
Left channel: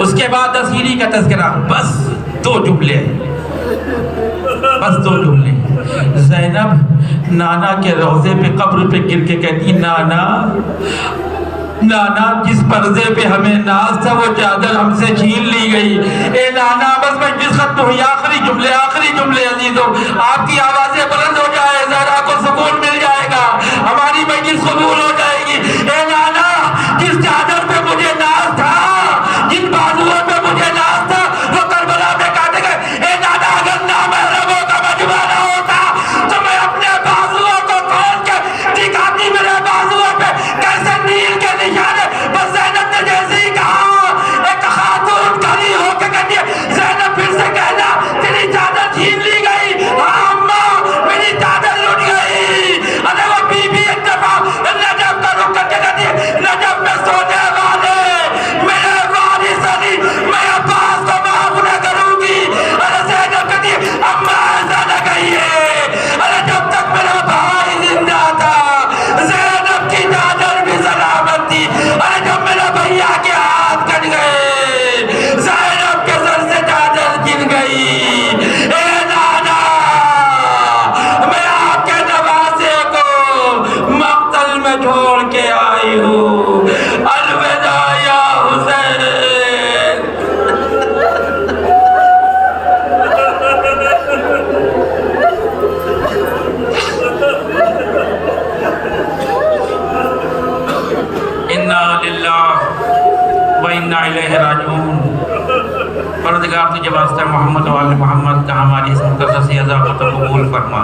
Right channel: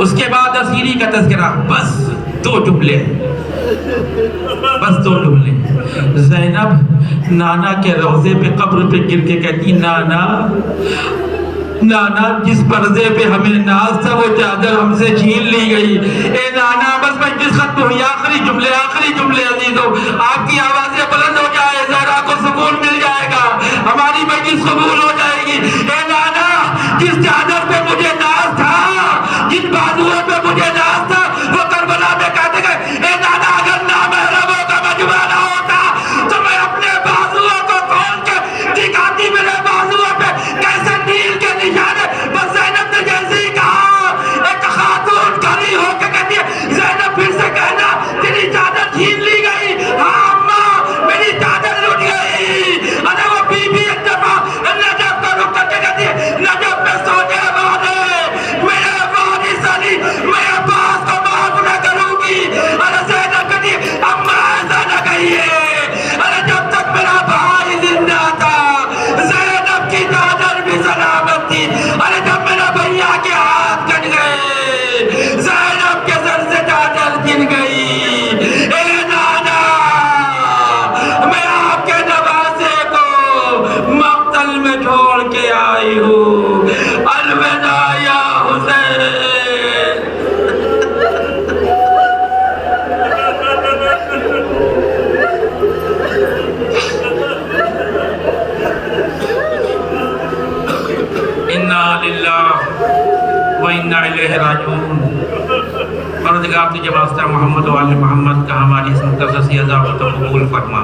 اس کے بعد اسیری کا تذکرہ. بس دو جملے. زینب نانا کے روضے پہ قبر پہ گر کے کہتی نانا نانا جس پردے پہ ہمیں ناز تھا وہ چادر ہم سے چھین لی گئی. اے نانا بس مجلس ختم ہوئی. آخری جملے عزیزوں آپ کی آوازیں بلند ہو جائے, زہرا کو سکون مل جائے گا, ہماری مجلس قبول ہو جائے گی. اے نانا جس چادر پہ مجھے ناز تھا, جن بازوؤں پہ مجھے ناز تھا, وہ کربلا میں کہتے گئے اے نانا اگر نامحرموں کا مجمع نہ ہوتا تو میں اپنے بازوؤں کو کھول کے دکھاتی میرے بازوؤں پہ کیسے نیل کے نشان ہے. بس زینب نے جیسے ہی کہا ایک خاتون کھڑی ہو کے کہتی ہے زینب پھر سے کہنا تیری چادر چھین لی گئی. ہاں اماں میری چادر لٹ گئی. ارے وہ بی بی ایک دفعہ نجف کا رخ کر کے کہتی ہے نجف میں سونے والے میرے وارث علی میں عباس کو معاف نہ کروں گی. ارے زینب کہتی ہے اماں ایسا نہ کہیے. ارے جب تک میرا بھائی زندہ تھا زینب کی چادر بھی سلامت تھی. ارے جب میرا بھیا کے ہاتھ کٹ گئے زینب کے سر سے چادر گر گئی. اے نانا میں آپ کے نوازے کو مقتل میں چھوڑ کے آئی ہوں. الوداع یا حسین. انا للہ و انا الیہ راجعون. پروردگار تجھے واسطہ محمد و آل محمد کا ہماری اس مقدس عذاب کو قبول فرما.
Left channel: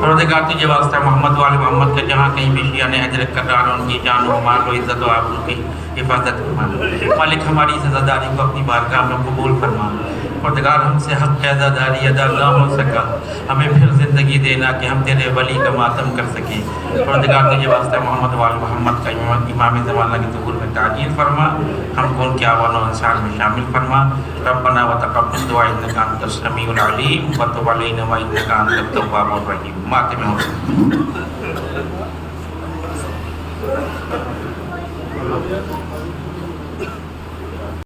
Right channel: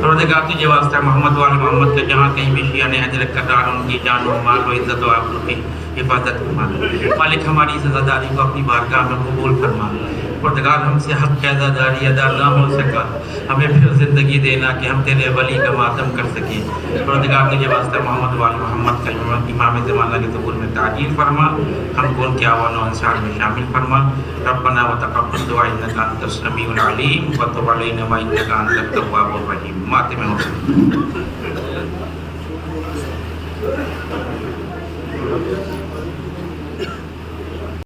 پروردگار تجھے واسطہ محمد و آل محمد کا جہاں کہیں بھی شیعہ نے حج رکھ کر ڈالا ان کی جان و مال و عزت و آبرو کی حفاظت فرما. مالک ہماری اس عزاداری کو اپنی بارگاہ میں قبول فرما. پروردگار ہم سے حق ادا داری ادا نہ ہو سکا، ہمیں پھر زندگی دینا کہ ہم تیرے ولی کا ماتم کر سکیں۔ پروردگار تجھے واسطہ محمد وال محمد کا امام زمانہ کے ظہور میں تعجیل فرما، ہم کو ان کے اعوان و انصار میں شامل فرما۔ ربنا وتقبل دعاء انک انت السمیع العلیم وتب علینا وانک انت التواب الرحیم۔ ماتم ہو